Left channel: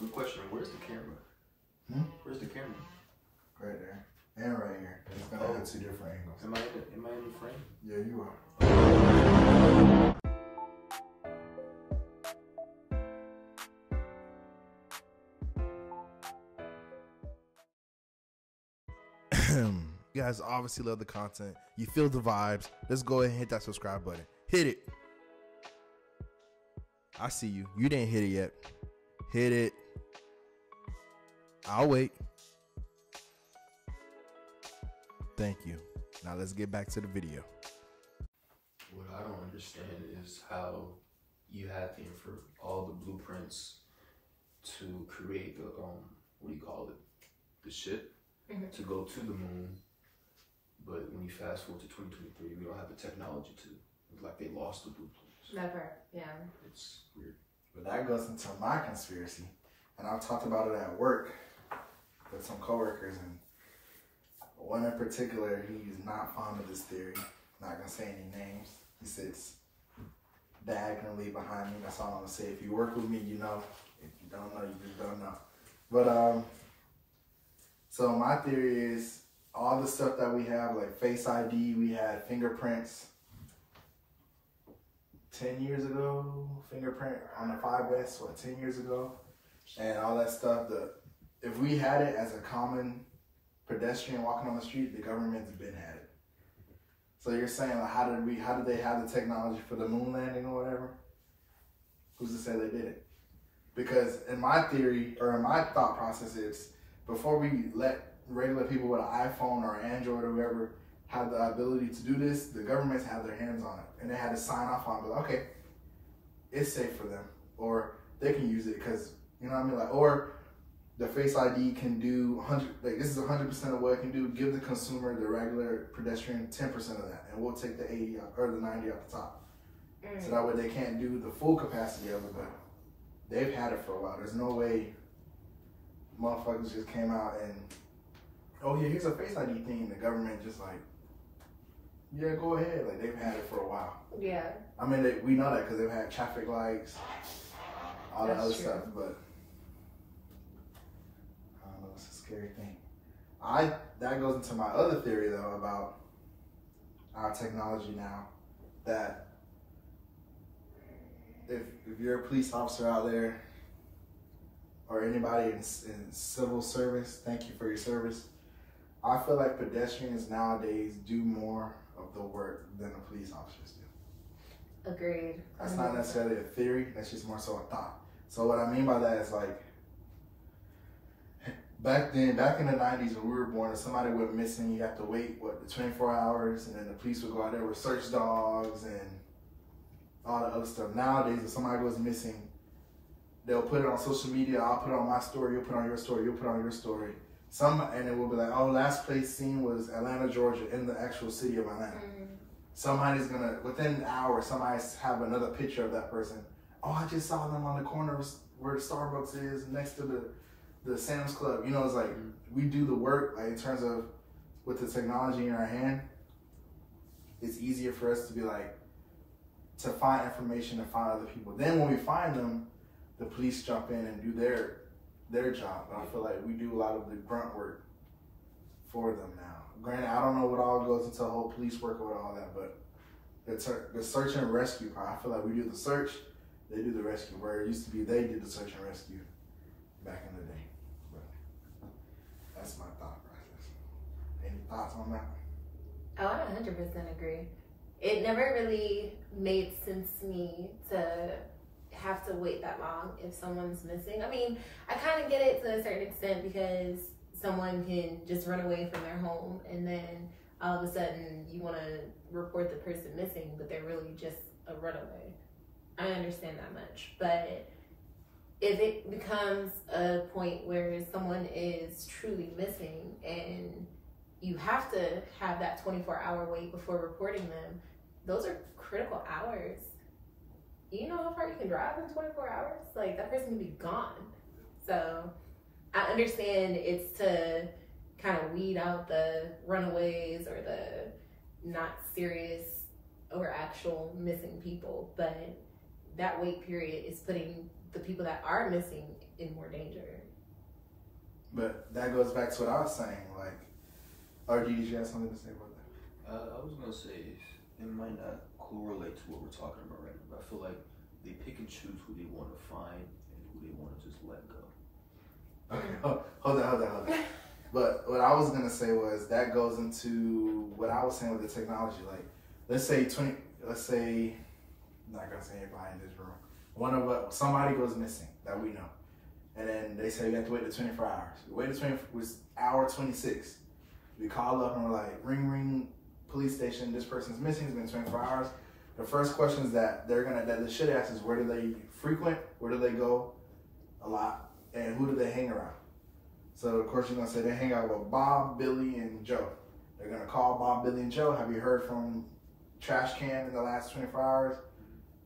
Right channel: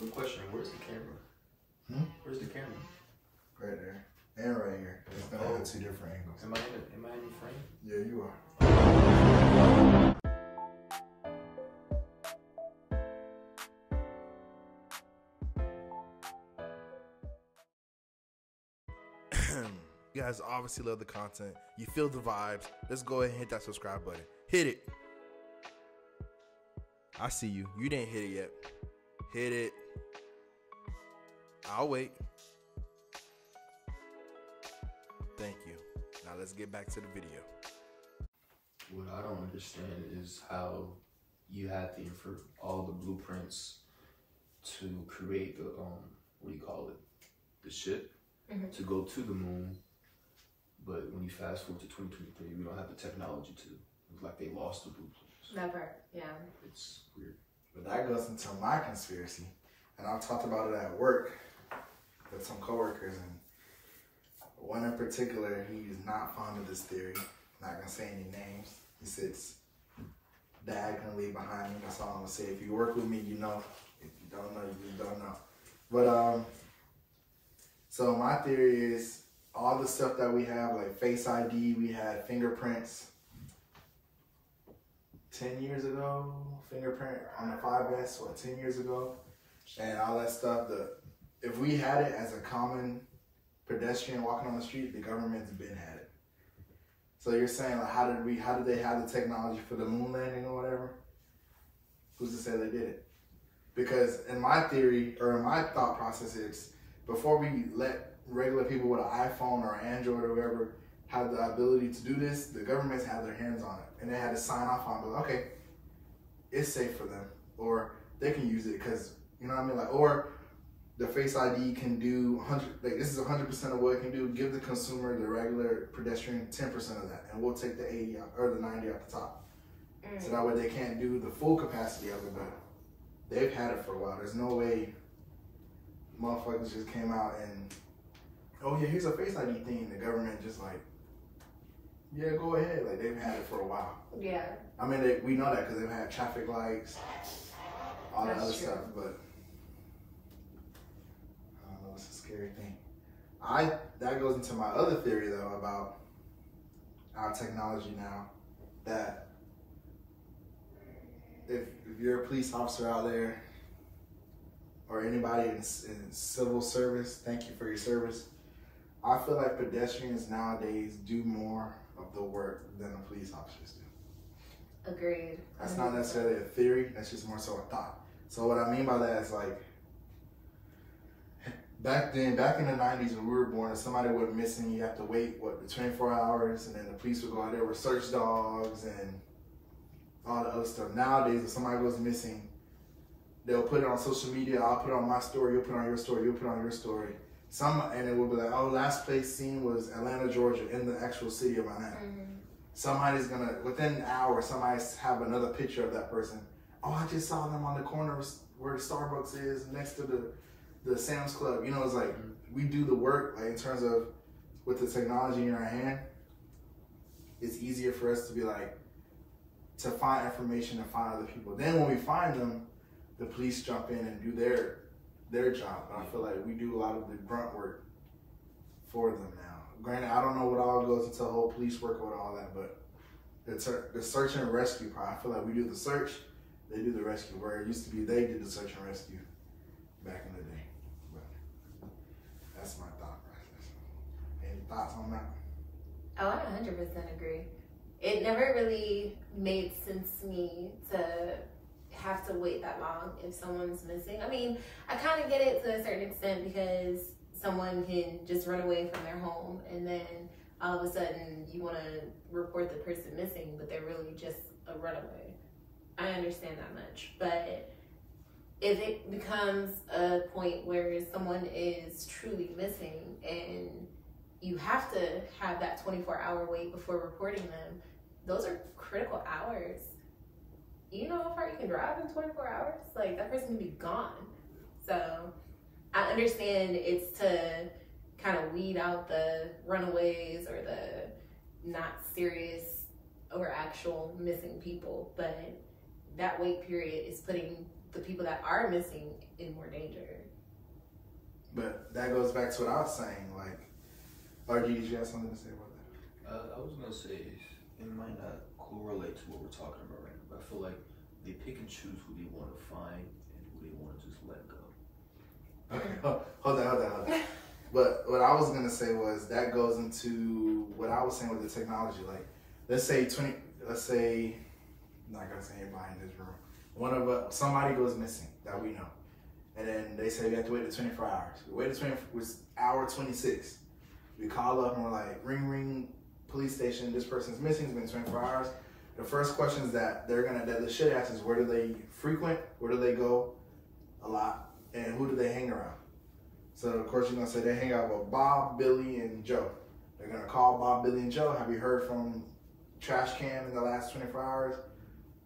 Quick question, where's the camera? Where's the camera? Right there. And right here. It's gonna have 2 different angles. Am I in the frame? Yeah, you are. You guys obviously love the content. You feel the vibes. Let's go ahead and hit that subscribe button. Hit it. I see you. You didn't hit it yet. Hit it. I'll wait. Thank you. Now let's get back to the video. What I don't understand is how you had all the blueprints to create the what do you call it? The ship to go to the moon. But when you fast forward to 2023, we don't have the technology to. It's like they lost the blueprints. Never, yeah. It's weird. But that goes into my conspiracy. And I've talked about it at work with some coworkers, and one in particular, he's not fond of this theory. Not gonna say any names. He sits diagonally behind me. That's all I'm gonna say. If you work with me, you know. If you don't know, you just don't know. But so my theory is all the stuff that we have, like Face ID, we had fingerprints 10 years ago, fingerprint on the 5S, 10 years ago, and all that stuff. If we had it as a common pedestrian walking on the street, the government's been had it. So you're saying, like, how did they have the technology for the moon landing or whatever? Who's to say they did it? Because in my theory, or in my thought process, it's before we let regular people with an iPhone or Android or whatever have the ability to do this, the governments had their hands on it, and they had to sign off on it. Like, okay, it's safe for them, or they can use it because, you know what I mean? Like, or the Face ID can do 100. Like, this is 100% of what it can do. Give the consumer, the regular pedestrian, 10% of that, and we'll take the 80 or the 90 off the top. So that way they can't do the full capacity of it, but they've had it for a while. There's no way motherfuckers just came out and, oh yeah, here's a Face ID thing. The government just like, yeah, go ahead. Like, they've had it for a while. Yeah. I mean, we know that because they've had traffic lights, all that other stuff, but I don't know, it's a scary thing. That goes into my other theory though about our technology now, that if you're a police officer out there or anybody in civil service, thank you for your service. I feel like pedestrians nowadays do more of the work than the police officers do. Agreed. That's not necessarily a theory, that's just more so a thought. So what I mean by that is, like, back in the 90s when we were born, if somebody went missing, you have to wait, 24 hours, and then the police would go out there with search dogs and all the other stuff. Nowadays, if somebody goes missing, they'll put it on social media. I'll put it on my story, you'll put it on your story, you'll put it on your story. And it will be like, oh, last place seen was Atlanta, Georgia, in the actual city of Atlanta. Somebody's gonna, within an hour, somebody have another picture of that person. Oh, I just saw them on the corner where the Starbucks is next to the Sam's Club. You know, it's like, we do the work, like, in terms of with the technology in our hand. It's easier for us to be like, to find information and find other people. Then when we find them, the police jump in and do their job. But I feel like we do a lot of the grunt work for them now. Granted, I don't know what all goes into the whole police work with all that, but the search and rescue part, I feel like we do the search, they do the rescue, where it used to be they did the search and rescue back in the day. But that's my thought process. Any thoughts on that? Oh, I 100% agree. It never really made sense to me to have to wait that long if someone's missing. I mean, I kind of get it to a certain extent because someone can just run away from their home and then all of a sudden you want to report the person missing, but they're really just a runaway. I understand that much. But if it becomes a point where someone is truly missing and you have to have that 24-hour wait before reporting them, those are critical hours. You know how far you can drive in 24 hours? Like, that person can be gone. So I understand it's to kind of weed out the runaways or the not serious or actual missing people, but that wait period is putting the people that are missing in more danger. that goes back to what I was saying. Like, RG, did you have something to say about that? I was gonna say it might not correlate to what we're talking about right now, but I feel like they pick and choose who they want to find and who they want to just let go. Okay, hold on. But what I was gonna say was that goes into what I was saying with the technology. Like, let's say, I'm not gonna say anybody in this room. Somebody goes missing that we know, and then they say you have to wait the 24 hours. We wait the 24. It's hour 26. We call up and we're like, ring, police station. This person's missing. It's been 24 hours. The first questions that the shit asks is, where do they frequent? Where do they go a lot? And who do they hang around? So of course you're gonna say they hang out with Bob, Billy, and Joe. They're gonna call Bob, Billy, and Joe. Have you heard from Trash Can in the last 24 hours?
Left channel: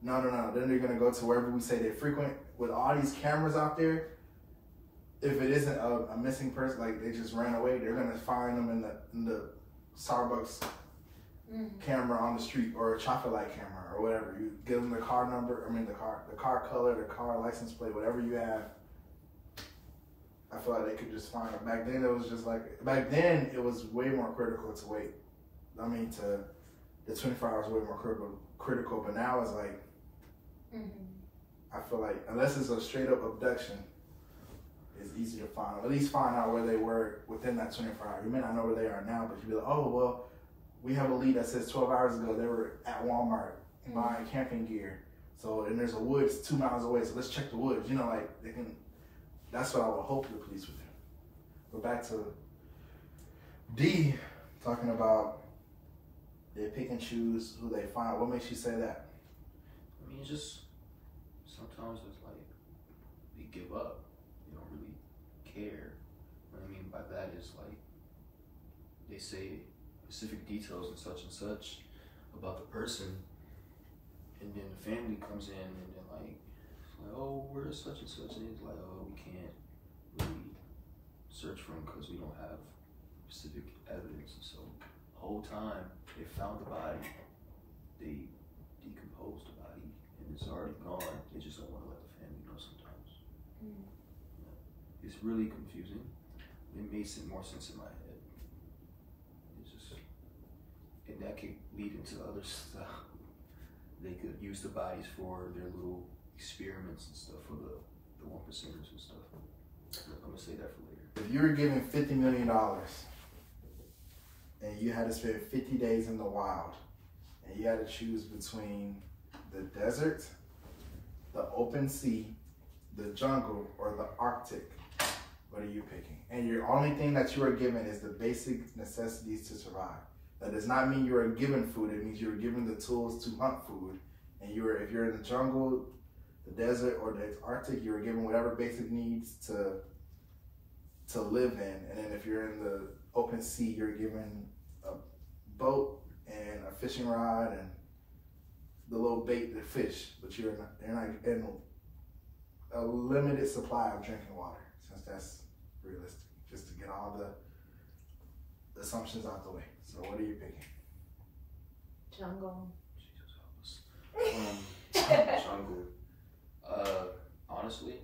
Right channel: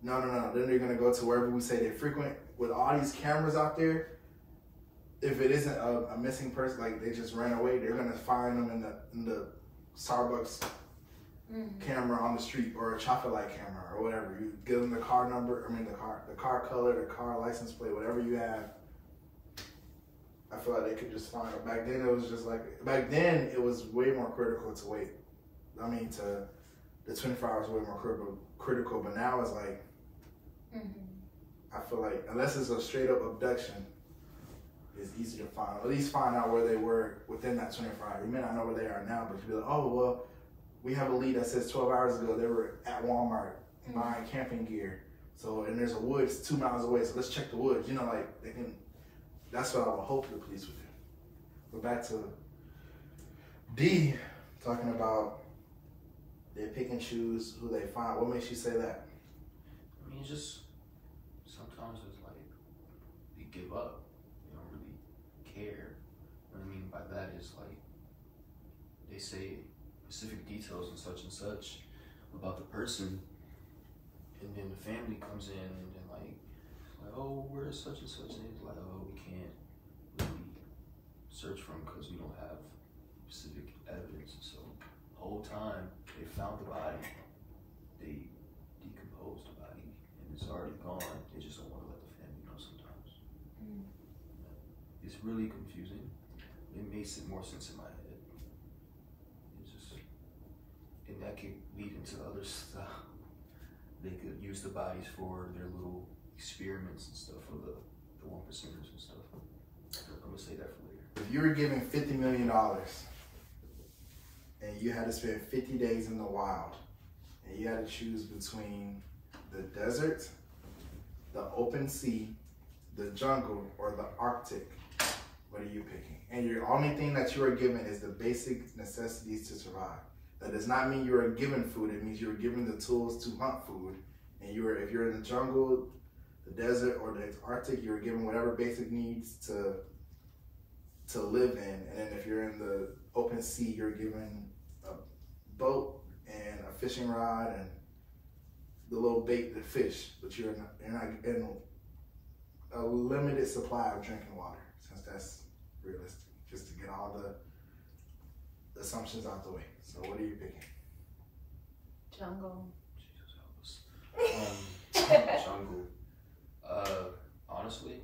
No. Then they're gonna go to wherever we say they frequent. With all these cameras out there, if it isn't a missing person, like they just ran away, they're gonna find them in the Starbucks camera on the street, or a chocolate light camera, or whatever. You give them the car number, the car color, the car license plate, whatever you have. I feel like they could just find it. Back then it was way more critical to wait. The 24 hours way more critical, but now it's like, I feel like unless it's a straight up abduction, it's easy to find. At least find out where they were within that 24 hours. You may not know where they are now, but you'd be like, oh, well, we have a lead that says 12 hours ago they were at Walmart buying camping gear. So, and there's a woods 2 miles away, so let's check the woods. You know, like, they can, that's what I would hope the police would do. But back to D, talking about they pick and choose who they find. What makes you say that? I mean, it's just, sometimes it's like, you give up. You don't really care. What I mean by that is like, they say specific details and such about the person, and then the family comes in and then like, oh, where's such and such, and it's like, oh, we can't really search for him because we don't have specific evidence. And so the whole time they found the body, they decomposed the body, and it's already gone. They just don't want to let the family know sometimes. It's really confusing. It makes more sense in my head. And that could lead into other stuff. They could use the bodies for their little experiments and stuff for the 1%ers and stuff. I'm gonna say that for later. If you were given $50 million and you had to spend 50 days in the wild, and you had to choose between the desert, the open sea, the jungle, or the Arctic, what are you picking? And your only thing that you are given is the basic necessities to survive. That does not mean you are given food. It means you are given the tools to hunt food. And if you're in the jungle, the desert, or the Arctic, you're given whatever basic needs to live in. And then if you're in the open sea, you're given a boat and a fishing rod and the little bait to fish. But you're not in a limited supply of drinking water, since that's realistic. Just to get all the assumptions out the way. So what are you picking? Jungle. Jesus help us. Jungle. Honestly,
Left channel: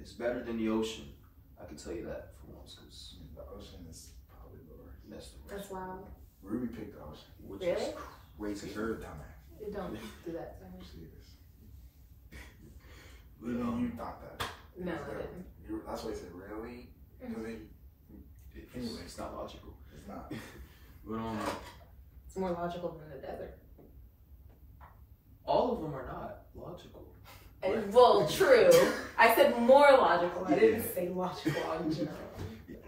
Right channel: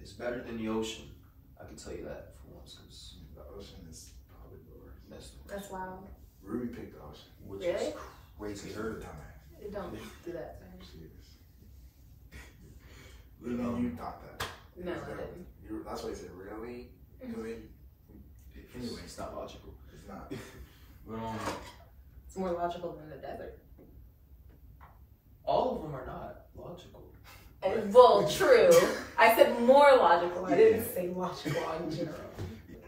it's better than the ocean. I can tell you that for once, because the ocean is probably the worst. That's wild. Ruby picked the ocean. Which really? is crazy. Her It don't do that to her. She is. Even you thought that. No, I didn't. That's why you said really. Anyway, it's not logical. It's not. But it's more logical than the desert. all of them are not logical. Well, true. I said more logical. I didn't say logical in general.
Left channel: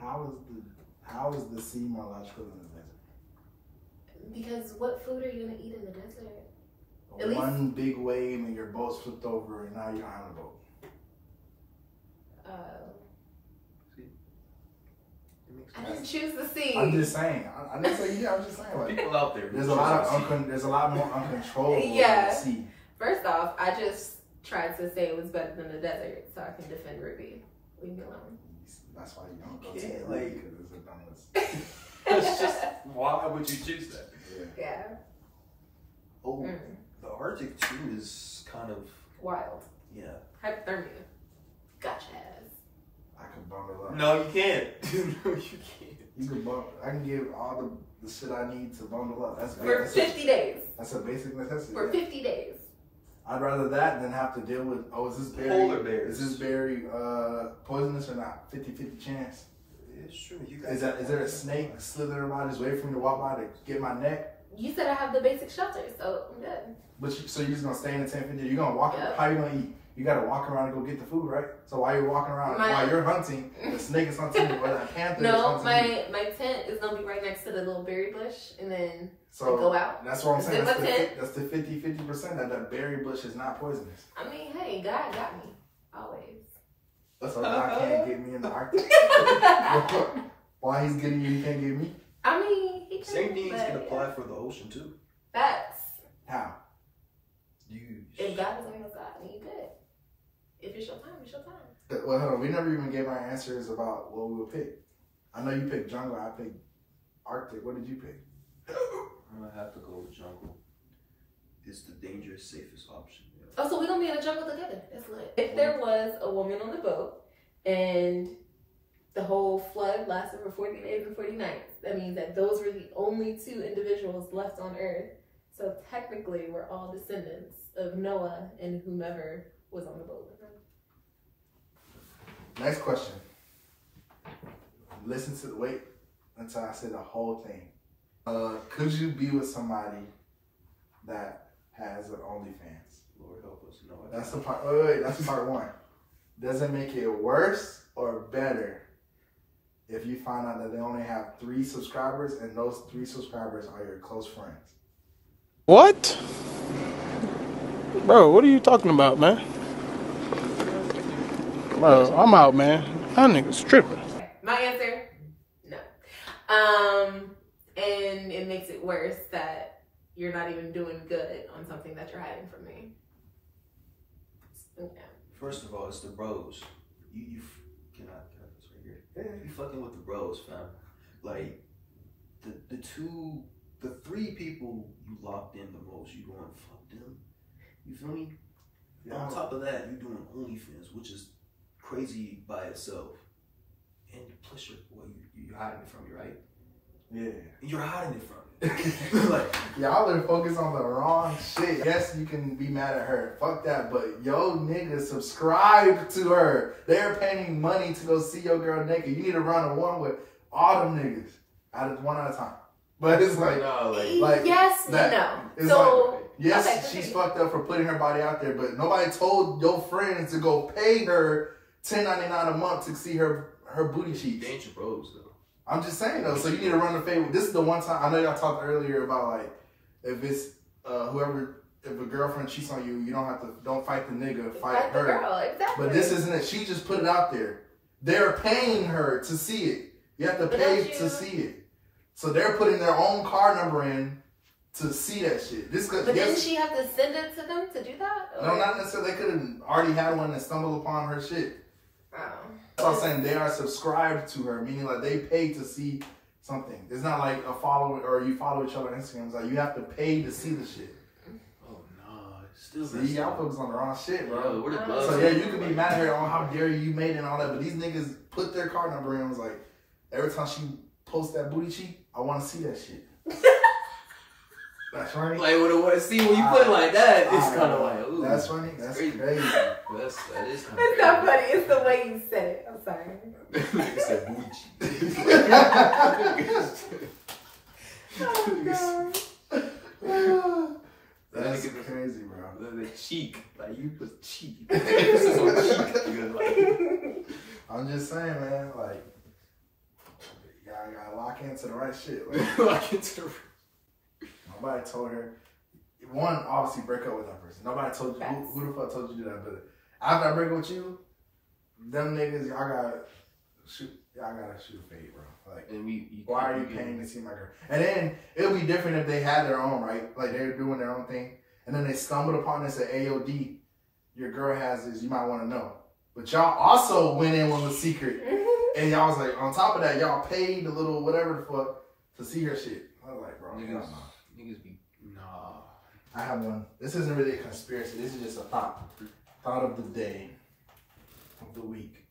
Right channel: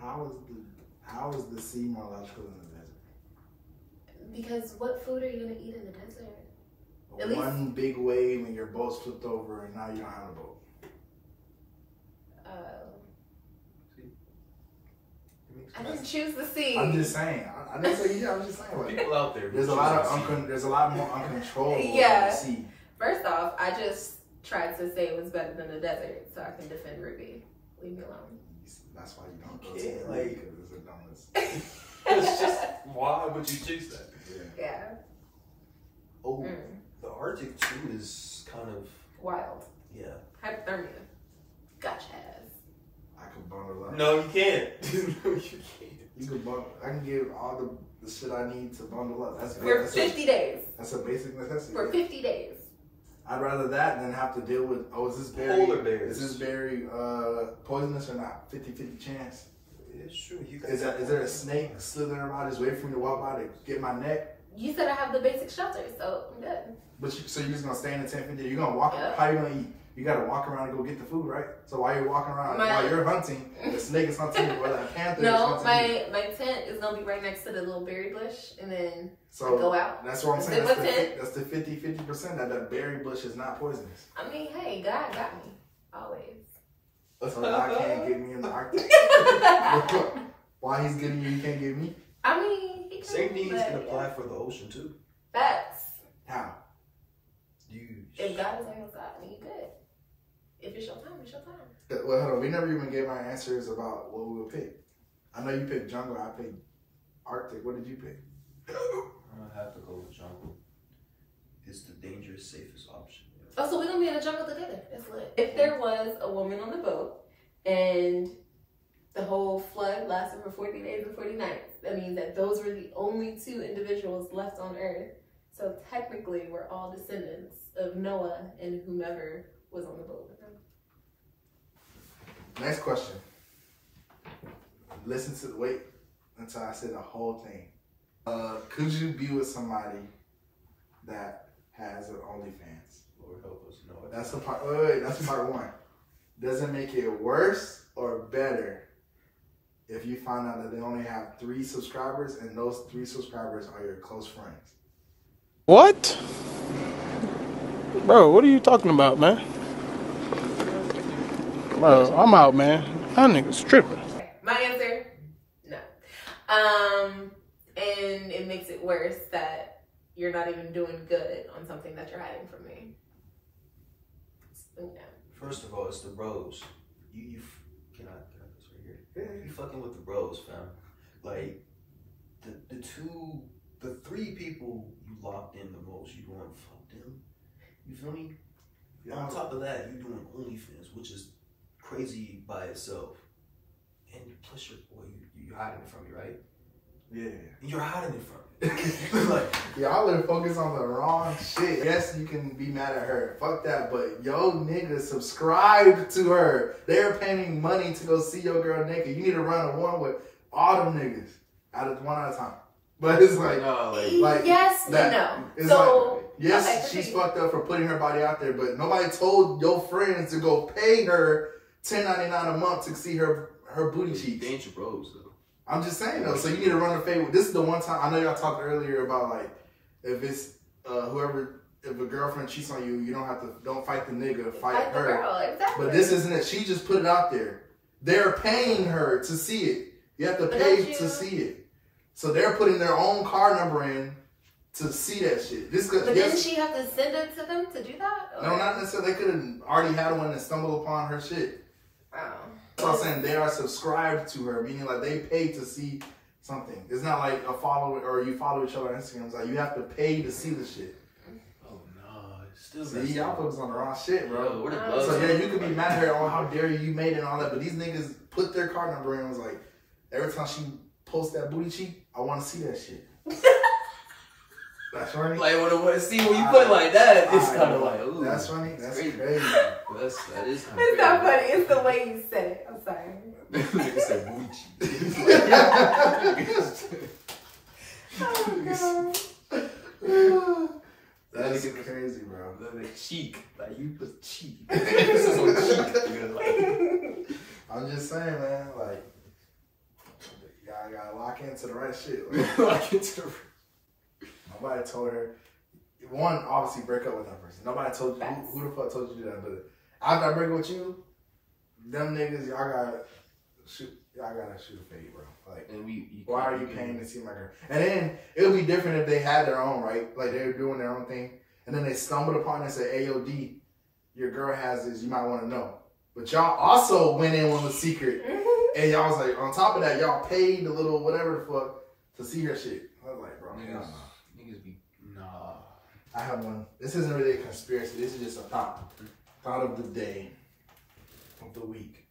How is the sea more logical than the desert? Because what food are you gonna eat in the desert? One big wave and your boat's flipped over and now you're on a boat. I didn't choose the sea. I'm just saying. I didn't say yeah. I was just saying. Like, people out there. There's a lot more uncontrollable in the sea. First off, I just tried to say it was better than the desert, so I can defend Ruby. Leave me alone. That's why you don't go to the lake. It's the dumbest. It's just, why would you choose that? Yeah. Oh, the Arctic too is kind of wild. Yeah. Hypothermia. Gotcha ass. up. No, you can't. No, you can't. You can I can give all the shit I need to bundle up. For 50 days. That's a basic necessity. For 50 days. I'd rather that than have to deal with, is this berry, Polar bears. is this berry poisonous or not? 50-50 chance. It's true. Is there a snake slithering around just waiting for me to walk by to get my neck? You said I have the basic shelter, so I'm good. But so you're just gonna stay in the tent for You're gonna walk. Yep. How you gonna eat? You gotta walk around and go get the food, right? So while you're walking around, while you're hunting, the snake is hunting you, or that panther is hunting you. My tent is gonna be right next to the little berry bush, and then I So go out. that's what I'm saying. That's the 50%. 50% that berry bush is not poisonous. I mean, hey, God got me always. So God can't get me in the Arctic. Why he's getting you, he can't get me? I mean, he Same things can apply for the ocean too. Facts. How? If God is on your side, then you good. If it's your time, it's your time. Well, hold on. We never even gave our answers about what we would pick. I know you picked jungle. I picked Arctic. What did you pick? I have to go with jungle. It's the dangerous, safest option. Yeah. Oh, so we're gonna be in the jungle together. That's lit. If there was a woman on the boat and the whole flood lasted for 40 days and 40 nights, that means that those were the only two individuals left on Earth. So technically, we're all descendants of Noah and whomever was on the boat with him. Next question. Wait until I say the whole thing. Could you be with somebody that has an OnlyFans? Lord help us. No, that's the part. Wait, that's part one. Does it make it worse or better if you find out that they only have 3 subscribers and those 3 subscribers are your close friends? What? Bro, what are you talking about, man? Bro, I'm out, man. That nigga's tripping. My answer, no. And it makes it worse that you're not even doing good on something that you're hiding from me. First of all, it's the bros. You cannot have this right here. Yeah, you fucking with the bros, fam. Like the 3 people you locked in the most, you want to fuck them. You feel me? Yeah. On top of that, you're doing OnlyFans, which is crazy by itself. And plus, you're hiding it from me, right? Yeah. You're hiding it from me. Like, y'all are focused on the wrong shit. Yes, you can be mad at her. Fuck that. But yo, niggas, subscribe to her. They're paying money to go see your girl naked. You need to run a one with all them niggas. One at a time. But it's like, yes, that, no. It's so, like, yes, okay, she's fucked up for putting her body out there, but nobody told your friends to go pay her $10.99 a month to see her booty cheeks. Danger bros, though. I'm just saying, though. So you need to run a favor. This is the one time, I know y'all talked earlier about, like, if it's if a girlfriend cheats on you, you don't fight the nigga, fight her. The girl, exactly. But this isn't it. She just put it out there. They're paying her to see it. You have to pay to see it. So they're putting their own car number in to see that shit. But didn't she have to send it to them to do that? Or? No, not necessarily. They could have already had one and stumbled upon her shit. Oh. That's what I'm saying. They are subscribed to her, meaning like they pay to see something. It's not like a follower or you follow each other on Instagram. It's like you have to pay to see the shit. Oh no, still. See, y'all focus on the wrong shit, bro. Yeah, so yeah, you could be mad at her on how dare you made it and all that, but these niggas put their card number in and was like, every time she posts that booty cheek, I want to see that shit. That's funny. Like when you put it like that, it's kind of like, ooh. That's funny. That's crazy. That is kind of. It's not funny. It's the way you said it. I'm sorry. Nigga said booty cheek. Oh god. That's crazy, bro. The cheek, like you put cheek. This is on cheek. You're like. I'm just saying, man. Like, y'all gotta lock into the right shit. Like, lock into the. Nobody told her. One, obviously break up with that person. Nobody told you. Who the fuck told you to do that? But after I break up with you, them niggas, y'all gotta shoot a fade, bro. Like, and why are you paying to see my girl? And then it would be different if they had their own, right? Like they were doing their own thing, and then they stumbled upon this at AOD. Your girl has this. You might want to know. But y'all also went in with a secret, and y'all was like, on top of that, y'all paid a little whatever the fuck to see her shit. I was like, bro, niggas be nah. I have one. This isn't really a conspiracy. This is just a thought of the day, of the week.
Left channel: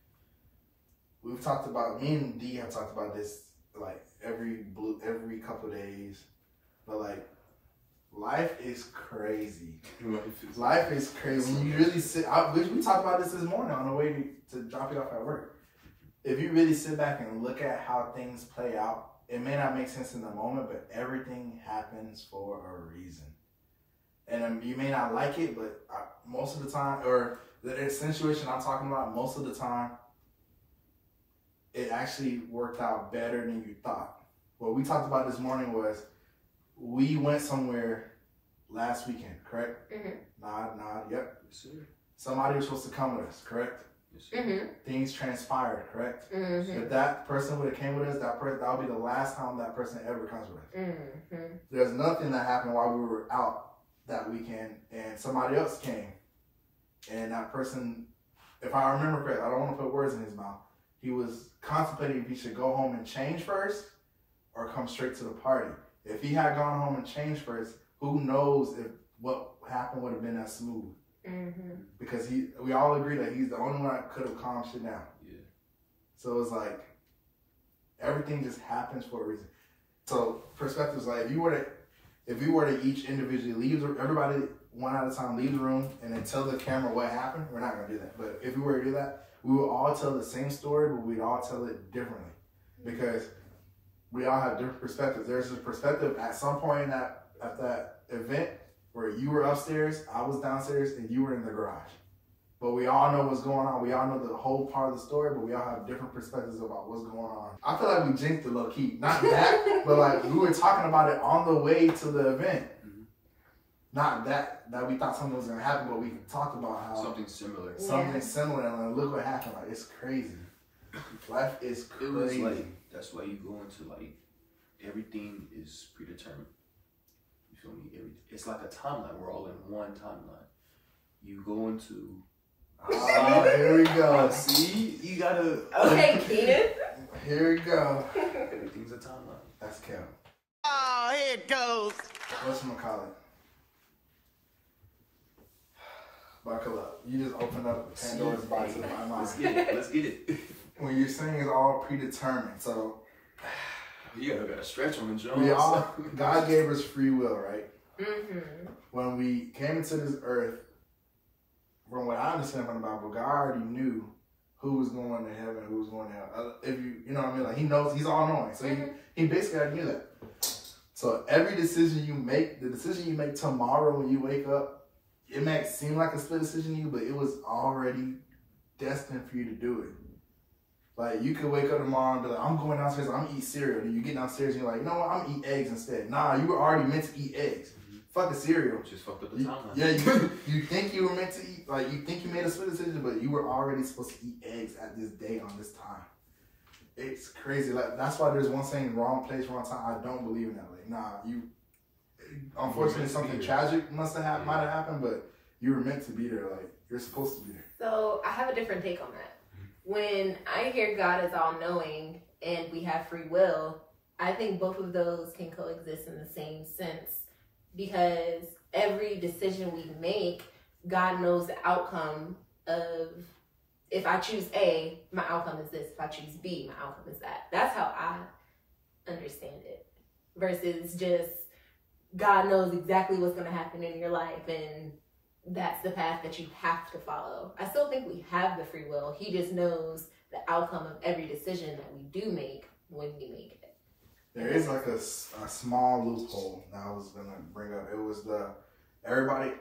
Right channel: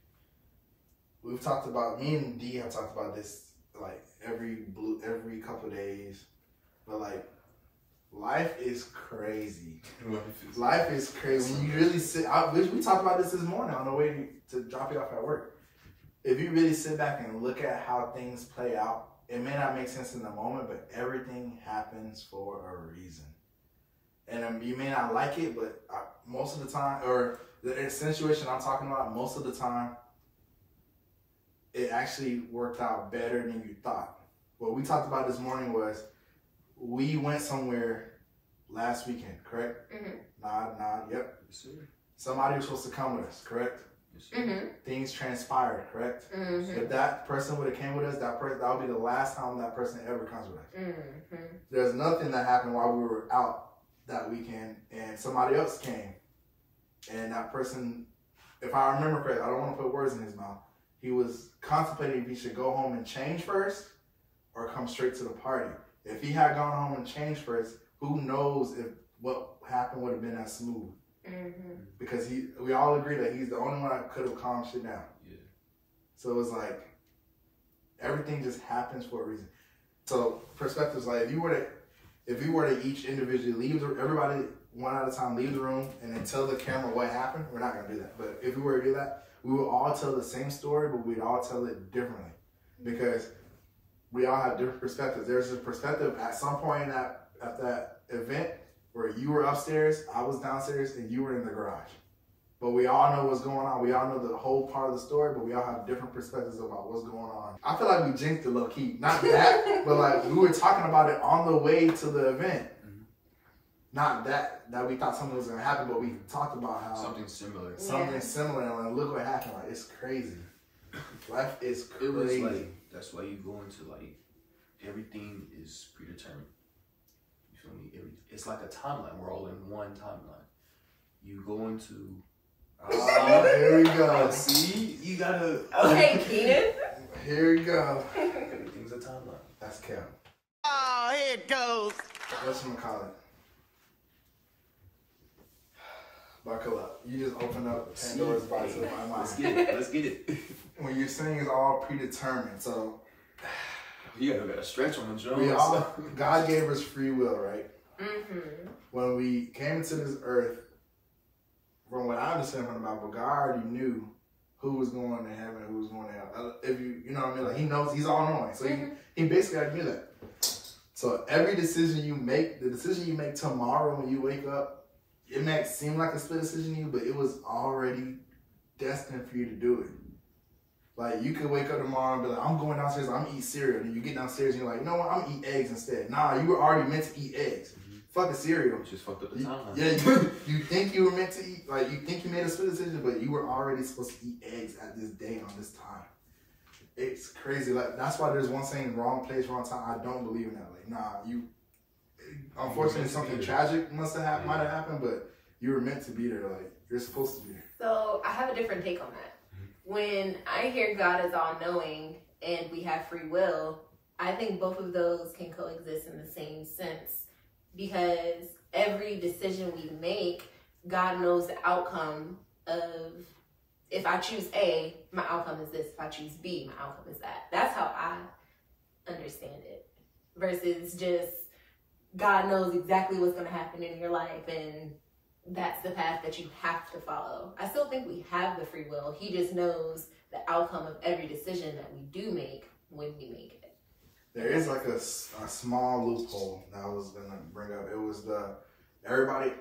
we've talked about, me and D have talked about this like every couple of days, but like life is crazy. Life is crazy. When you really sit, we talked about this morning on the way to drop you off at work. If you really sit back and look at how things play out, it may not make sense in the moment, but everything happens for a reason. And you may not like it, but most of the time, or the situation I'm talking about, most of the time, it actually worked out better than you thought. What we talked about this morning was we went somewhere last weekend, correct? Mm-hmm. Nod, yep. Yes, sir. Somebody was supposed to come with us, correct? Yes, sir. Mm-hmm. Things transpired, correct? Mm-hmm. If that person would have came with us, that would be the last time that person ever comes with us. Mm-hmm. There's nothing that happened while we were out that weekend, and somebody else came, and that person, if I remember correctly, I don't want to put words in his mouth, he was contemplating if he should go home and change first or come straight to the party. If he had gone home and changed first, who knows if what happened would have been as smooth. Mm-hmm. Because we all agree that he's the only one that could have calmed shit down. Yeah. So it's like everything just happens for a reason. So perspectives, like if we were to each individually leave, everybody one at a time leave the room and then tell the camera what happened, we're not gonna do that. But if we were to do that, we would all tell the same story, but we'd all tell it differently because we all have different perspectives. There's a perspective at some point at that event where you were upstairs, I was downstairs, and you were in the garage. But we all know what's going on. We all know the whole part of the story, but we all have different perspectives about what's going on. I feel like we jinxed it low key. Not that, but like we were talking about it on the way to the event. Mm-hmm. Not that we thought something was going to happen, but we talked about how something similar. Something similar, and like, look what happened. Like, it's crazy. Life is crazy. It was like, that's why you go into like, everything is predetermined. You feel me? It's like a timeline. We're all in one timeline. You go into... Oh, here we go. See? You gotta... Okay, Keenan. Here we go. Everything's a timeline. That's Kel. Oh, here it goes. What's gonna call it? Buckle up. You just open up Pandora's box of my mind. Let's get it. When you're saying it's all predetermined, so... You gotta stretch on the Jones. God gave us free will, right? Mm-hmm. When we came to this earth, from what I understand from the Bible, God already knew who was going to heaven, who was going to hell. If you know what I mean, like He knows, He's all knowing. So he basically already knew that. So every decision you make, the decision you make tomorrow when you wake up, it might seem like a split decision to you, but it was already destined for you to do it. Like, you could wake up tomorrow and be like, I'm going downstairs, I'm gonna eat cereal. And you get downstairs and you're like, you know what, I'm gonna eat eggs instead. Nah, you were already meant to eat eggs. Mm-hmm. Fuck a cereal. Just fucked up the timeline. Yeah, you think you were meant to eat, like, you think you made a split decision, but you were already supposed to eat eggs at this day on this time. It's crazy. Like, that's why there's one saying, wrong place, wrong time. I don't believe in that. Like, nah, unfortunately, something tragic might have happened, but you were meant to be there. Like, you're supposed to be there. So, I have a different take on that. When I hear God is all-knowing and we have free will, I think both of those can coexist in the same sense because every decision we make, God knows the outcome of, if I choose A, my outcome is this. If I choose B, my outcome is that. That's how I understand it. Versus just God knows exactly what's going to happen in your life and that's the path that you have to follow. I still think we have the free will. He just knows the outcome of every decision that we do make when we make it. There is like a small loophole that I was gonna bring up. It was everybody,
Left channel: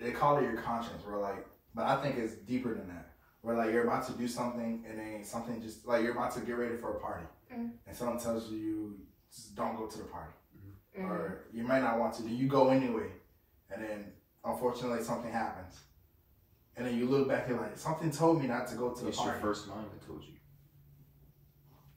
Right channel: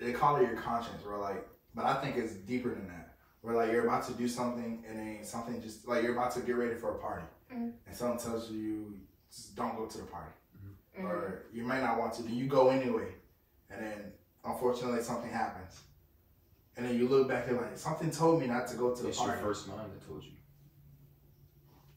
they call it your conscience, where like, but I think it's deeper than that. Where like you're about to do something and then something just like you're about to get ready for a party, and someone tells you just don't go to the party, or you might not want to, then you go anyway, and then unfortunately something happens, and then you look back and you're like, something told me not to go to the party. It's your first mind that told you.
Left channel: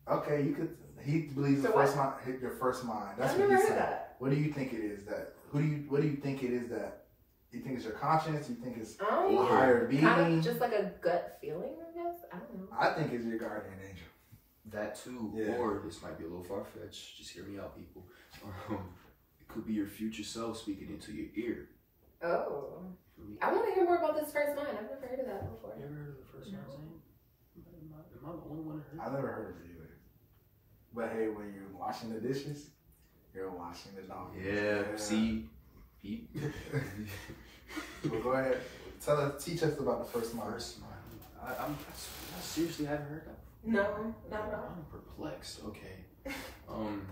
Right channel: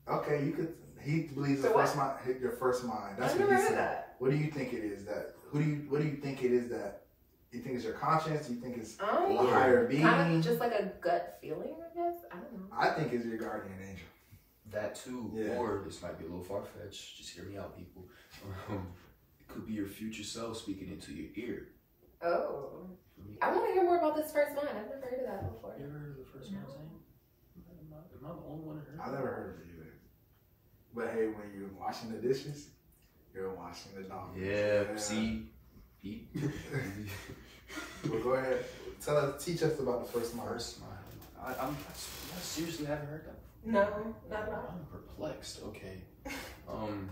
Okay, you could. He believes the first mind, your first mind. That's what he said. What do you think it is that? What do you think it is that? You think it's your conscience? You think it's a higher being? Kind of just like a gut feeling, I guess. I don't know. I think it's your guardian angel. That too, or this might be a little far fetched. Just hear me out, people. It could be your future self speaking into your ear. Oh, I want to hear more about this first mind. I've never heard of that before. You ever heard of the first mind thing? Am I the only one that heard? I've never heard of it either. But hey, when you're washing the dishes, you're washing the dog. Yeah. See, Pete. Well, go ahead. Teach us about the first mind. First mind. I seriously haven't heard that. No, not at all. I'm perplexed. Okay. I'm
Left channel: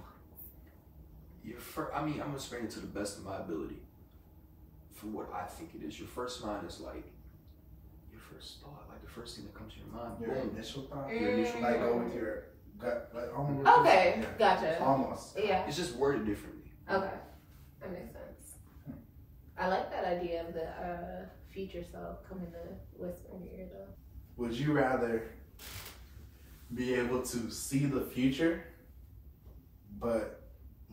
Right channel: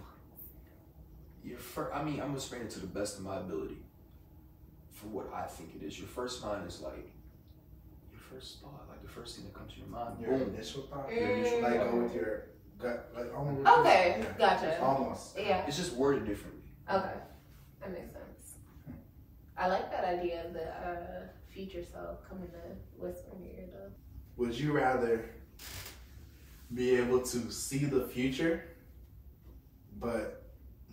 gonna explain it to the best of my ability. For what I think it is, your first mind is like your first thought, like the first thing that comes to your mind. Your Boom. initial thought? Your initial Like thought. go with your gut. Like, almost Okay, yeah. gotcha. Almost. Yeah. It's just worded differently. Okay, that makes sense. I like that idea of the future self coming to whisper in your ear, though. Would you rather be able to see the future, but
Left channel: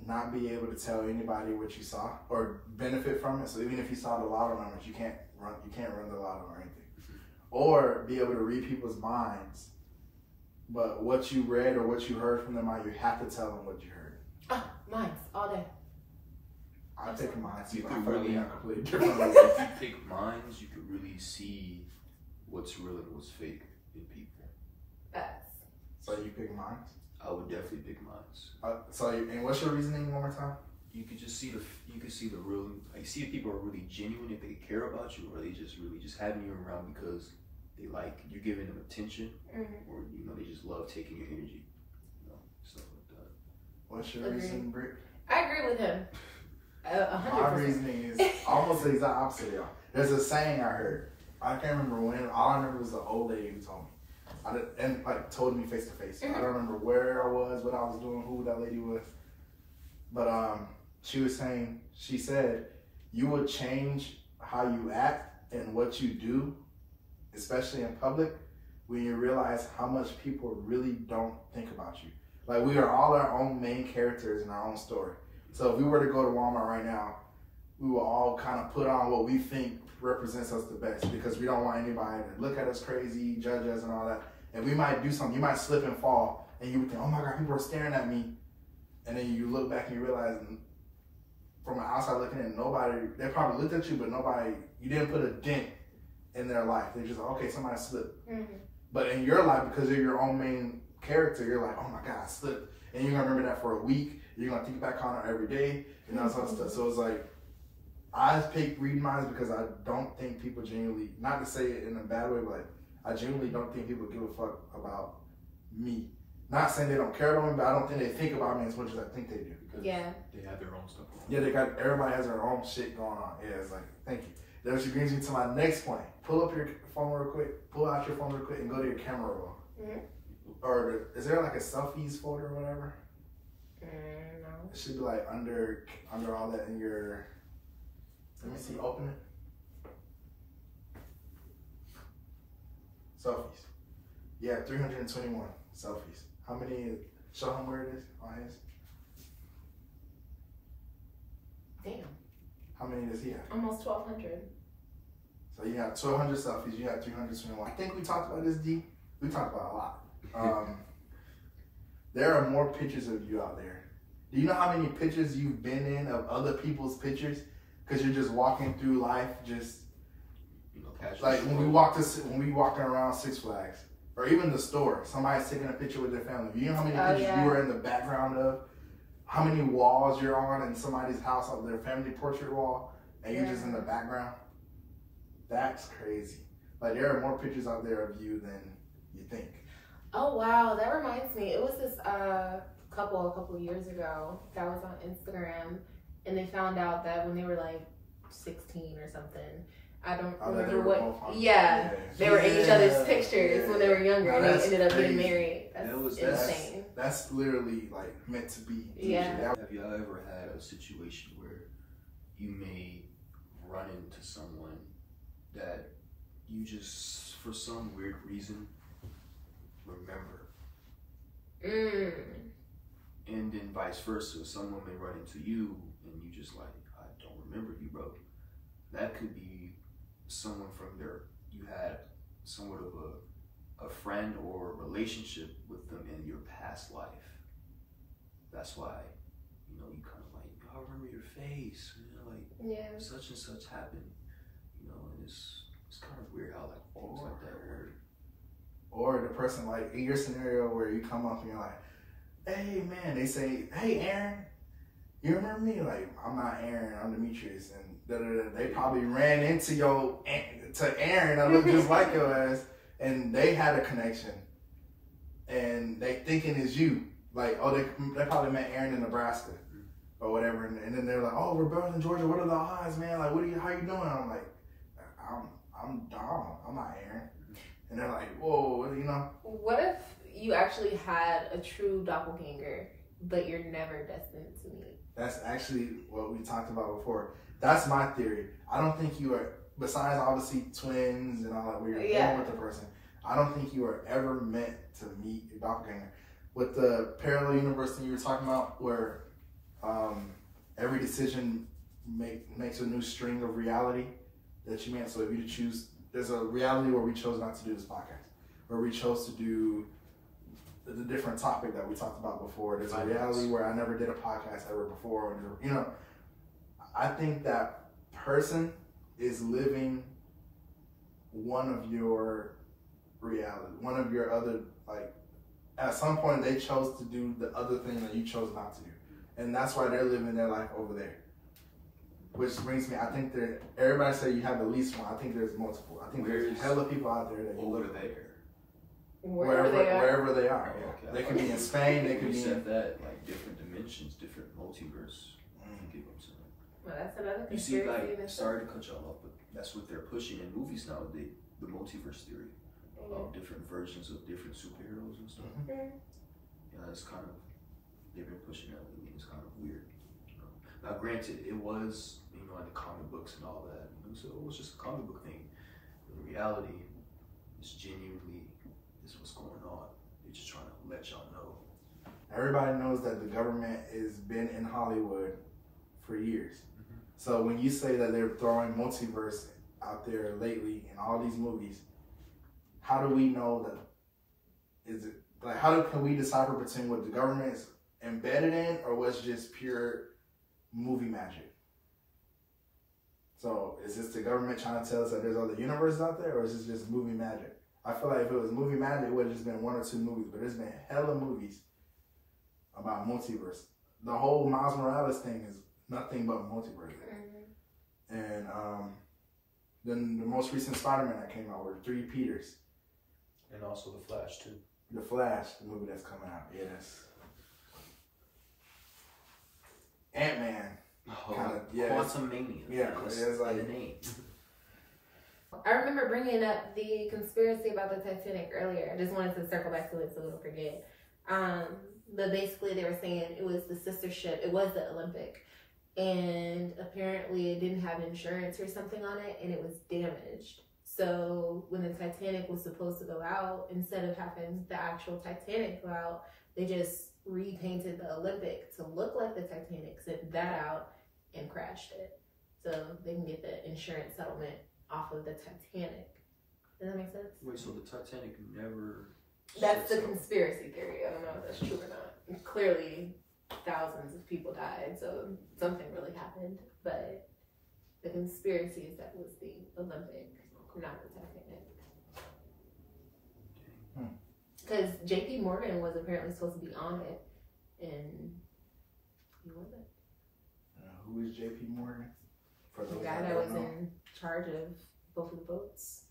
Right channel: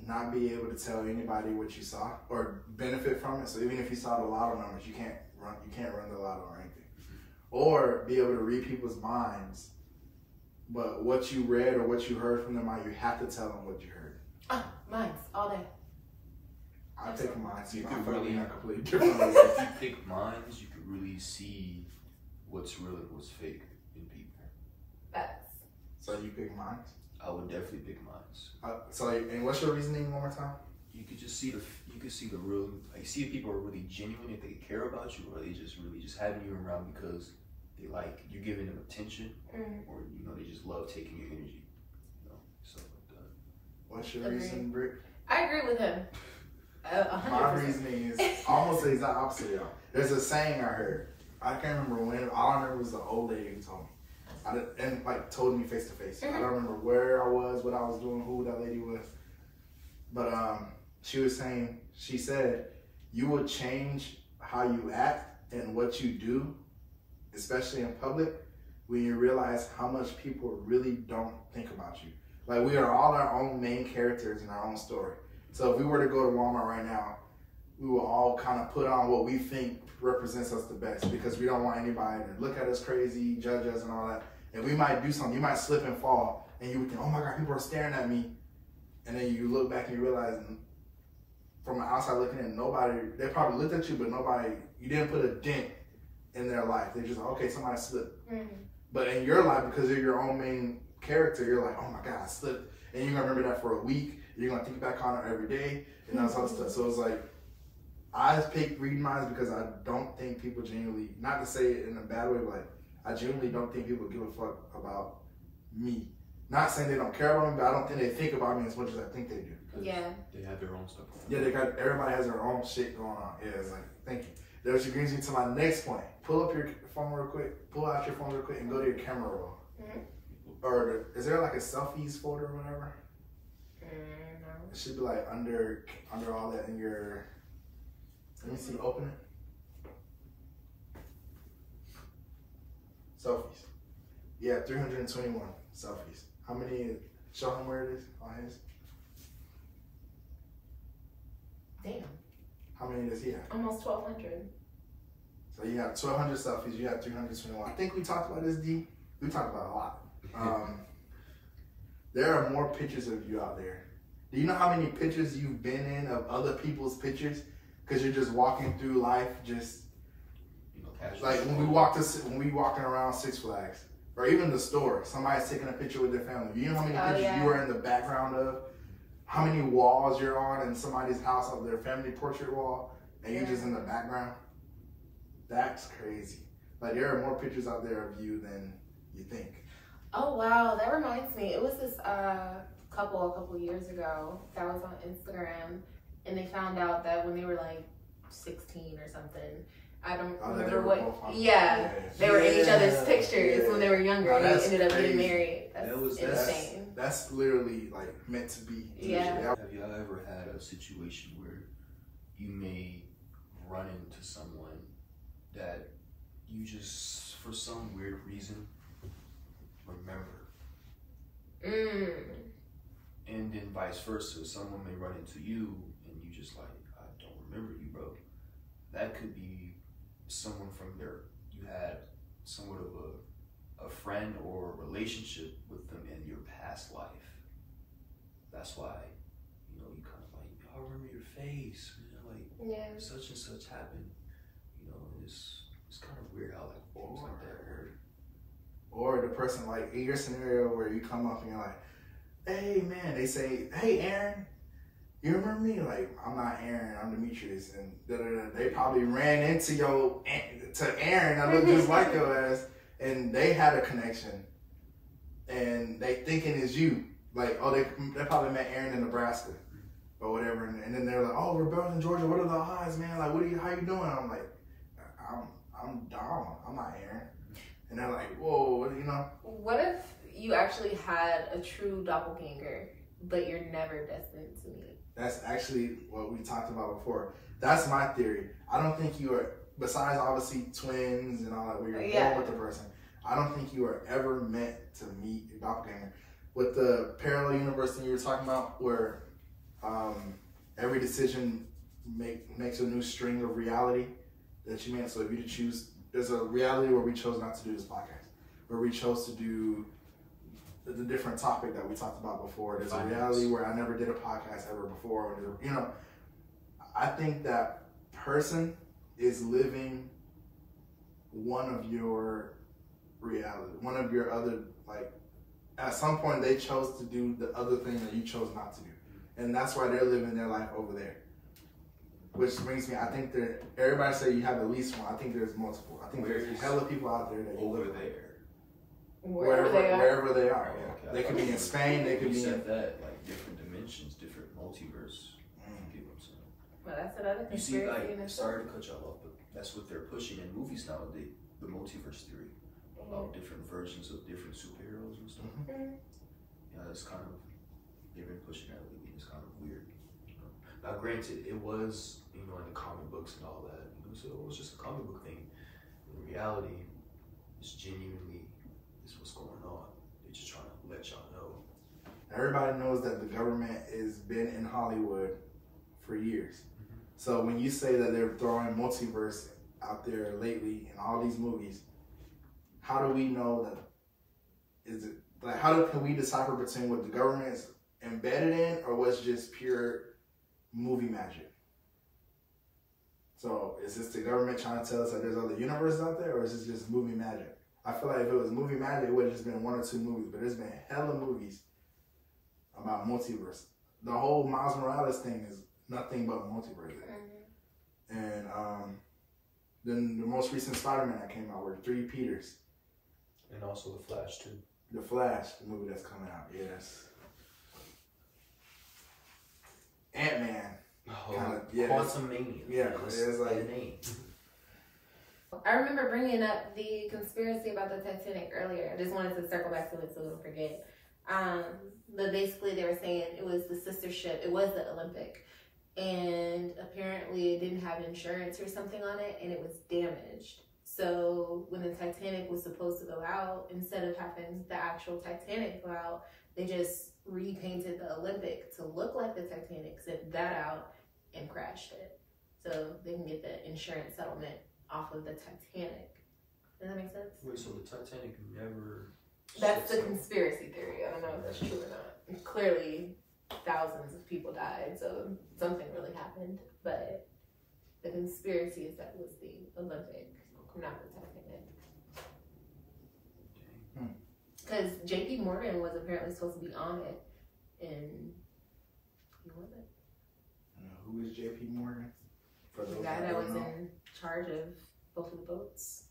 not be able to tell anybody what you saw or benefit from it? So even if you saw the lotto numbers, you can't run the lotto or anything. Or be able to read people's minds, but what you read or what you heard from them, you have to tell them what you heard. Oh, mine's all day. I'll take mine. You I could feel like we really- have completely different ways. If you pick minds, you could really see what's real and what's fake in people. Facts. So you pick mine. I would definitely pick minds. And what's your reasoning one more time? You could just see the real, like, see if people are really genuine, if they care about you, or they just really just having you around because they like you're giving them attention, or they just love taking your energy, stuff like that. What's your Agreed. reasoning, Britt? I agree with him. My 100%. reasoning is almost the exact opposite, y'all. There's a saying I heard. I can't remember when. All I remember was the old lady who told me. Told me face to face. I don't remember where I was, what I was doing, who that lady was. But she said, you will change how you act and what you do, especially in public, when you realize how much people really don't think about you. Like, we are all our own main characters in our own story. So if we were to go to Walmart right now, we will all kind of put on what we think represents us the best, because we don't want anybody to look at us crazy, judge us and all that. And we might do something, you might slip and fall, and you would think, oh my God, people are staring at me. And then you look back and you realize, from the outside looking in, they probably looked at you, but you didn't put a dent in their life. They're just like, okay, somebody slipped. But in your life, because you're your own main character, you're like, oh my God, I slipped. And you're gonna remember that for a week. You're gonna think back on it every day, and that sort of stuff. So it's like, I pick reading minds because I don't think people genuinely, not to say it in a bad way, but like, I genuinely don't think people give a fuck about me. Not saying they don't care about me, but I don't think they think about me as much as I think they do. Because Yeah. they have their own stuff going on. Yeah, everybody has their own shit going on. Yeah, it's like, thank you. That which brings me to my next point. Pull up your phone real quick, pull out your phone real quick, and go to your camera roll. Or is there like a selfies folder or whatever? No. It should be like under all that in your. Let me see. Open it. Selfies. Yeah, 321 selfies. How many? Show him where it is on his. Damn. How many does he have? Almost 1,200. So you have 1,200 selfies. You have 321. I think we talked about this, D. We talked about a lot. There are more pictures of you out there. Do you know how many pictures you've been in of other people's pictures? Because you're just walking through life, just Casual. like when we walking around Six Flags or even the store. Somebody's taking a picture with their family. You know how many pictures you were in the background of? How many walls you're on in somebody's house, of their family portrait wall, and you're just in the background? That's crazy. Like, there are more pictures out there of you than you think. Oh wow, that reminds me. It was this couple a couple years ago that was on Instagram, and they found out that when they were like 16 or something, I don't remember what. Yeah, they were in each other's pictures when they were younger, and they ended up getting married. That's insane. That's literally like meant to be. Yeah. Have you ever had a situation where you may run into someone that you just, for some weird reason, remember? And then vice versa, someone may run into you and you just like, I don't remember you, bro. That could be someone from you had somewhat of a friend or a relationship with them in your past life. That's why, you kind of like, I remember your face, like such and such happened, and it's kind of weird how like things like that work. Or the person, like in your scenario where you come up and you're like, hey man, they say, hey Aaron, you remember me? Like, I'm not Aaron, I'm Demetrius, and they probably ran into Aaron that looked just like your ass, and they had a connection, and they thinking it's you. Like, oh, they probably met Aaron in Nebraska or whatever, and then they're like, oh, we're both in Georgia. What are the odds, man? Like, how you doing? I'm like, I'm Dom. I'm not Aaron. And they're like, whoa, you know. What if you actually had a true doppelganger, but you're never destined to meet? That's actually what we talked about before. That's my theory. I don't think you are, besides obviously twins and all that, where you're born with the person, I don't think you are ever meant to meet a doppelganger. With the parallel universe thing you were talking about, where every decision makes a new string of reality that you made. So if you choose, there's a reality where we chose not to do this podcast, where we chose to do the different topic that we talked about before. There's a reality where I never did a podcast ever before. You know, I think that person is living one of your reality, one of your other, like, at some point they chose to do the other thing that you chose not to do. And that's why they're living their life over there. Which brings me, I think that everybody say you have at least one. I think there's multiple. I think there's a hell of people out there that you live there. Wherever they are, yeah. Okay. They could be in Spain, they could be in... that, like, different dimensions, different multiverse. You know what I'm saying? Well, that's another You see, conspiracy. like, sorry to cut y'all off, but that's what they're pushing in movies nowadays, the multiverse theory. About different versions of different superheroes and stuff. Yeah, it's kind of, they've been pushing that lately. It's kind of weird. You know? Now, granted, it was, you know, in the comic books and all that. You know, so it was just a comic book thing. In reality, it's genuinely is what's going on. They're just trying to let y'all know. Everybody knows that the government has been in Hollywood for years. So when you say that they're throwing multiverse out there lately in all these movies, how do we know that? Is it like, can we decipher between what the government is embedded in or what's just pure movie magic? So is this the government trying to tell us that there's other universes out there, or is this just movie magic? I feel like if it was movie magic, it would have just been one or two movies, but there's been hella movies about multiverse. The whole Miles Morales thing is nothing but multiverse. And then the most recent Spider-Man that came out were 3 Peters. And also The Flash, too. The Flash, the movie that's coming out, yes. Ant-Man. Quantumania. Yeah, it's like... I remember bringing up the conspiracy about the Titanic earlier. I just wanted to circle back to it so we don't forget. But basically they were saying it was the sister ship. It was the Olympic. And apparently it didn't have insurance or something on it, and it was damaged. So when the Titanic was supposed to go out, instead of having the actual Titanic go out, they just repainted the Olympic to look like the Titanic, sent that out, and crashed it. So they can get the insurance settlement off of the Titanic. Does that make sense? Wait, so the Titanic never... That's the conspiracy theory. I don't know if that's true or not. Clearly, thousands of people died, so something really happened. But the conspiracy is that it was the Olympic, not the Titanic. Because J.P. Morgan was apparently supposed to be on it, and he wasn't. Who is J.P. Morgan? The guy that was in charge of both of the boats,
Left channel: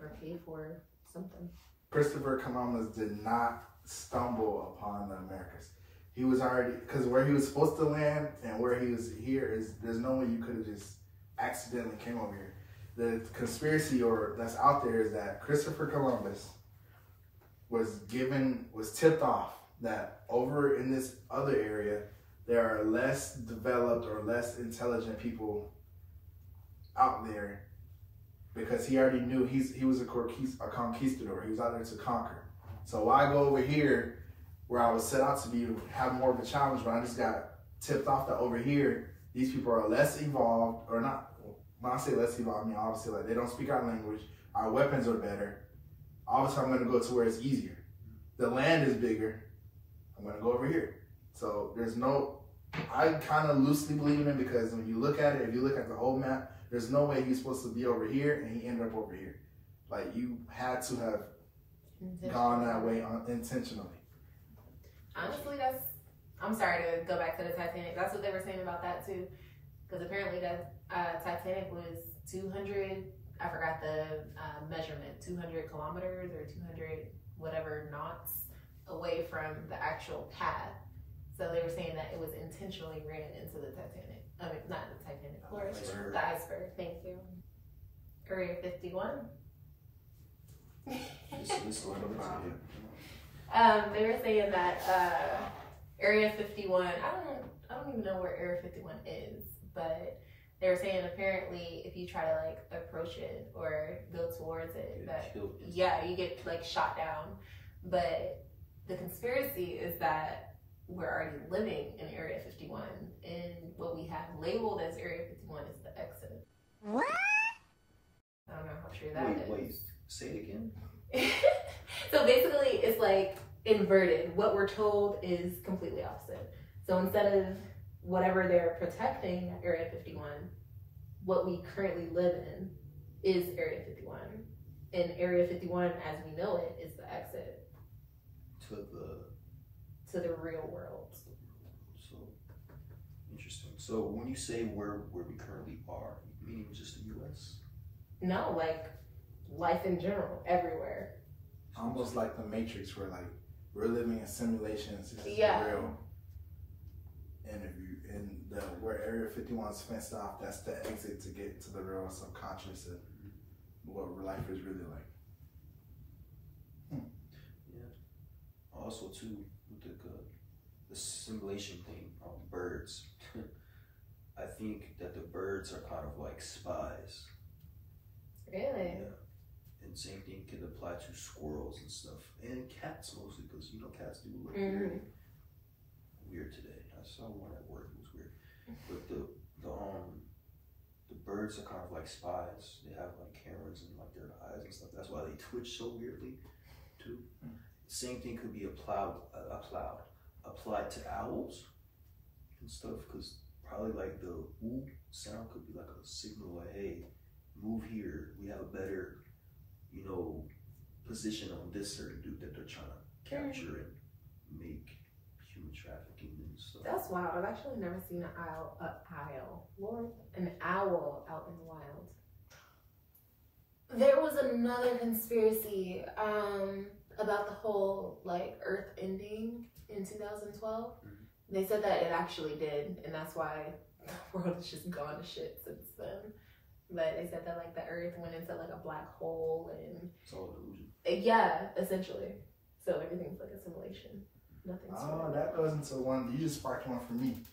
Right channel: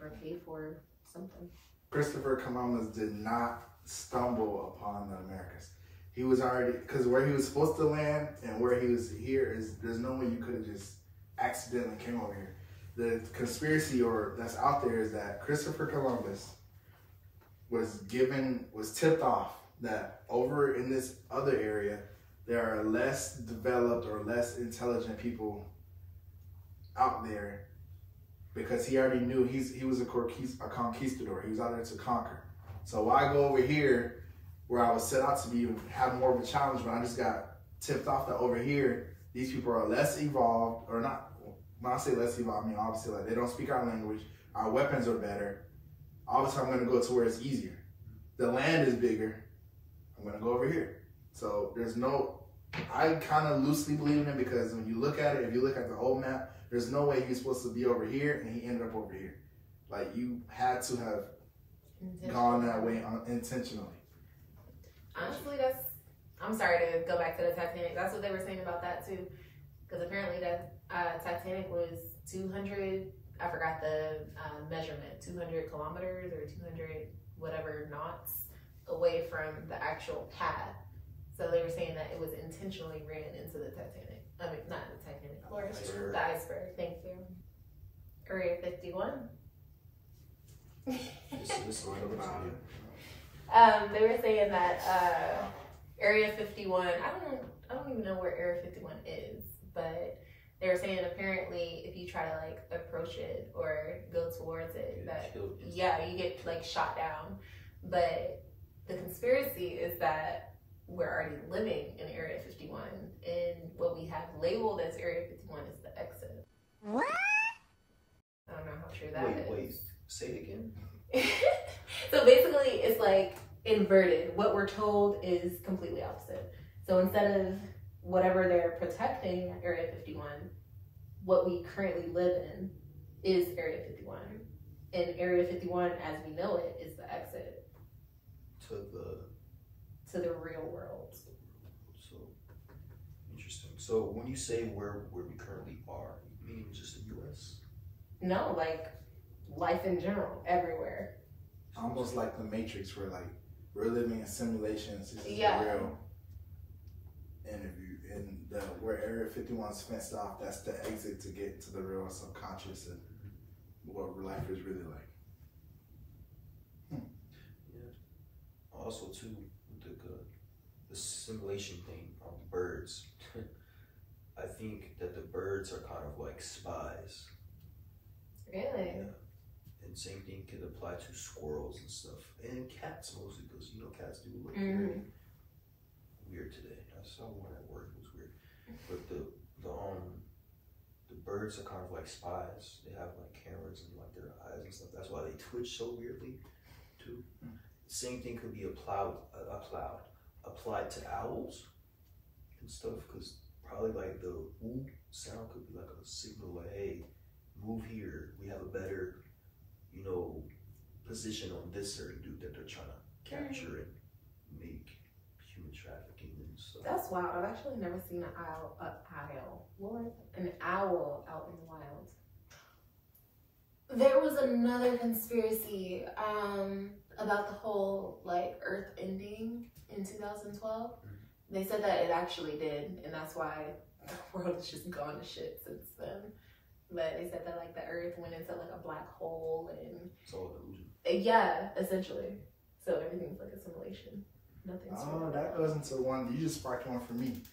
or paid for something. Christopher Columbus did not stumble upon the Americas. He was already, because where he was supposed to land and where he was here is, there's no way you could have just accidentally came over here. The conspiracy that's out there is that Christopher Columbus was tipped off that over in this other area, there are less developed or less intelligent people out there, because he already knew he was a conquistador. He was out there to conquer. So why go over here where I was set out to be, have more of a challenge, but I just got tipped off that over here, these people are less evolved, or not. When I say less evolved, I mean obviously like they don't speak our language, our weapons are better. Obviously I'm gonna go to where it's easier. The land is bigger, I'm gonna go over here. So I kind of loosely believe in him, because when you look at it, if you look at the whole map, there's no way he's supposed to be over here and he ended up over here. Like, you had to have gone that way intentionally. Honestly, I'm sorry to go back to the Titanic. That's what they were saying about that too. Because apparently the Titanic was 200, I forgot the measurement, 200 kilometers or 200 whatever knots away from the actual path. So they were saying that it was intentionally ran into the Titanic. I mean, not the Titanic, of course, the iceberg. Thank you. Area 51. They were saying that Area 51. I don't even know where Area 51 is, but they were saying apparently if you try to like approach it or go towards it, that you get like shot down. But the conspiracy is that we're already living in Area 51, and what we have labeled as Area 51 is the exit. What? I don't know how true that is. Wait, say it again. So basically, it's like inverted. What we're told is completely opposite. So instead of whatever they're protecting Area 51, what we currently live in is Area 51. And Area 51, as we know it, is the exit to the real world. So interesting. So when you say where we currently are, you mean just the U.S.? No, like life in general, everywhere. Almost like the Matrix, where like we're living in simulations. This is real. And if you where Area 51 is fenced off, that's the exit to get to the real subconscious of what life is really like. Yeah. Also, too, with the simulation thing on birds, I think that the birds are kind of like spies. Really? Yeah. And same thing can apply to squirrels and stuff, and cats mostly, because cats do look very weird today. I saw one at work; it was weird. But the birds are kind of like spies. They have like cameras in like their eyes and stuff. That's why they twitch so weirdly, too. Same thing could be applied to owls and stuff, because probably like the woo sound could be like a signal like, hey, move here. We have a better, position on this certain dude that they're trying to capture and make human trafficking and stuff. That's wild. I've actually never seen an owl out in the wild. There was another conspiracy about the whole like Earth ending in 2012. They said that it actually did, and that's why the world has just gone to shit since then. But they said that like the Earth went into like a black hole, and it's all illusion. Yeah, essentially. So everything's like a simulation. Nothing's real. That goes into one. You just sparked one for me.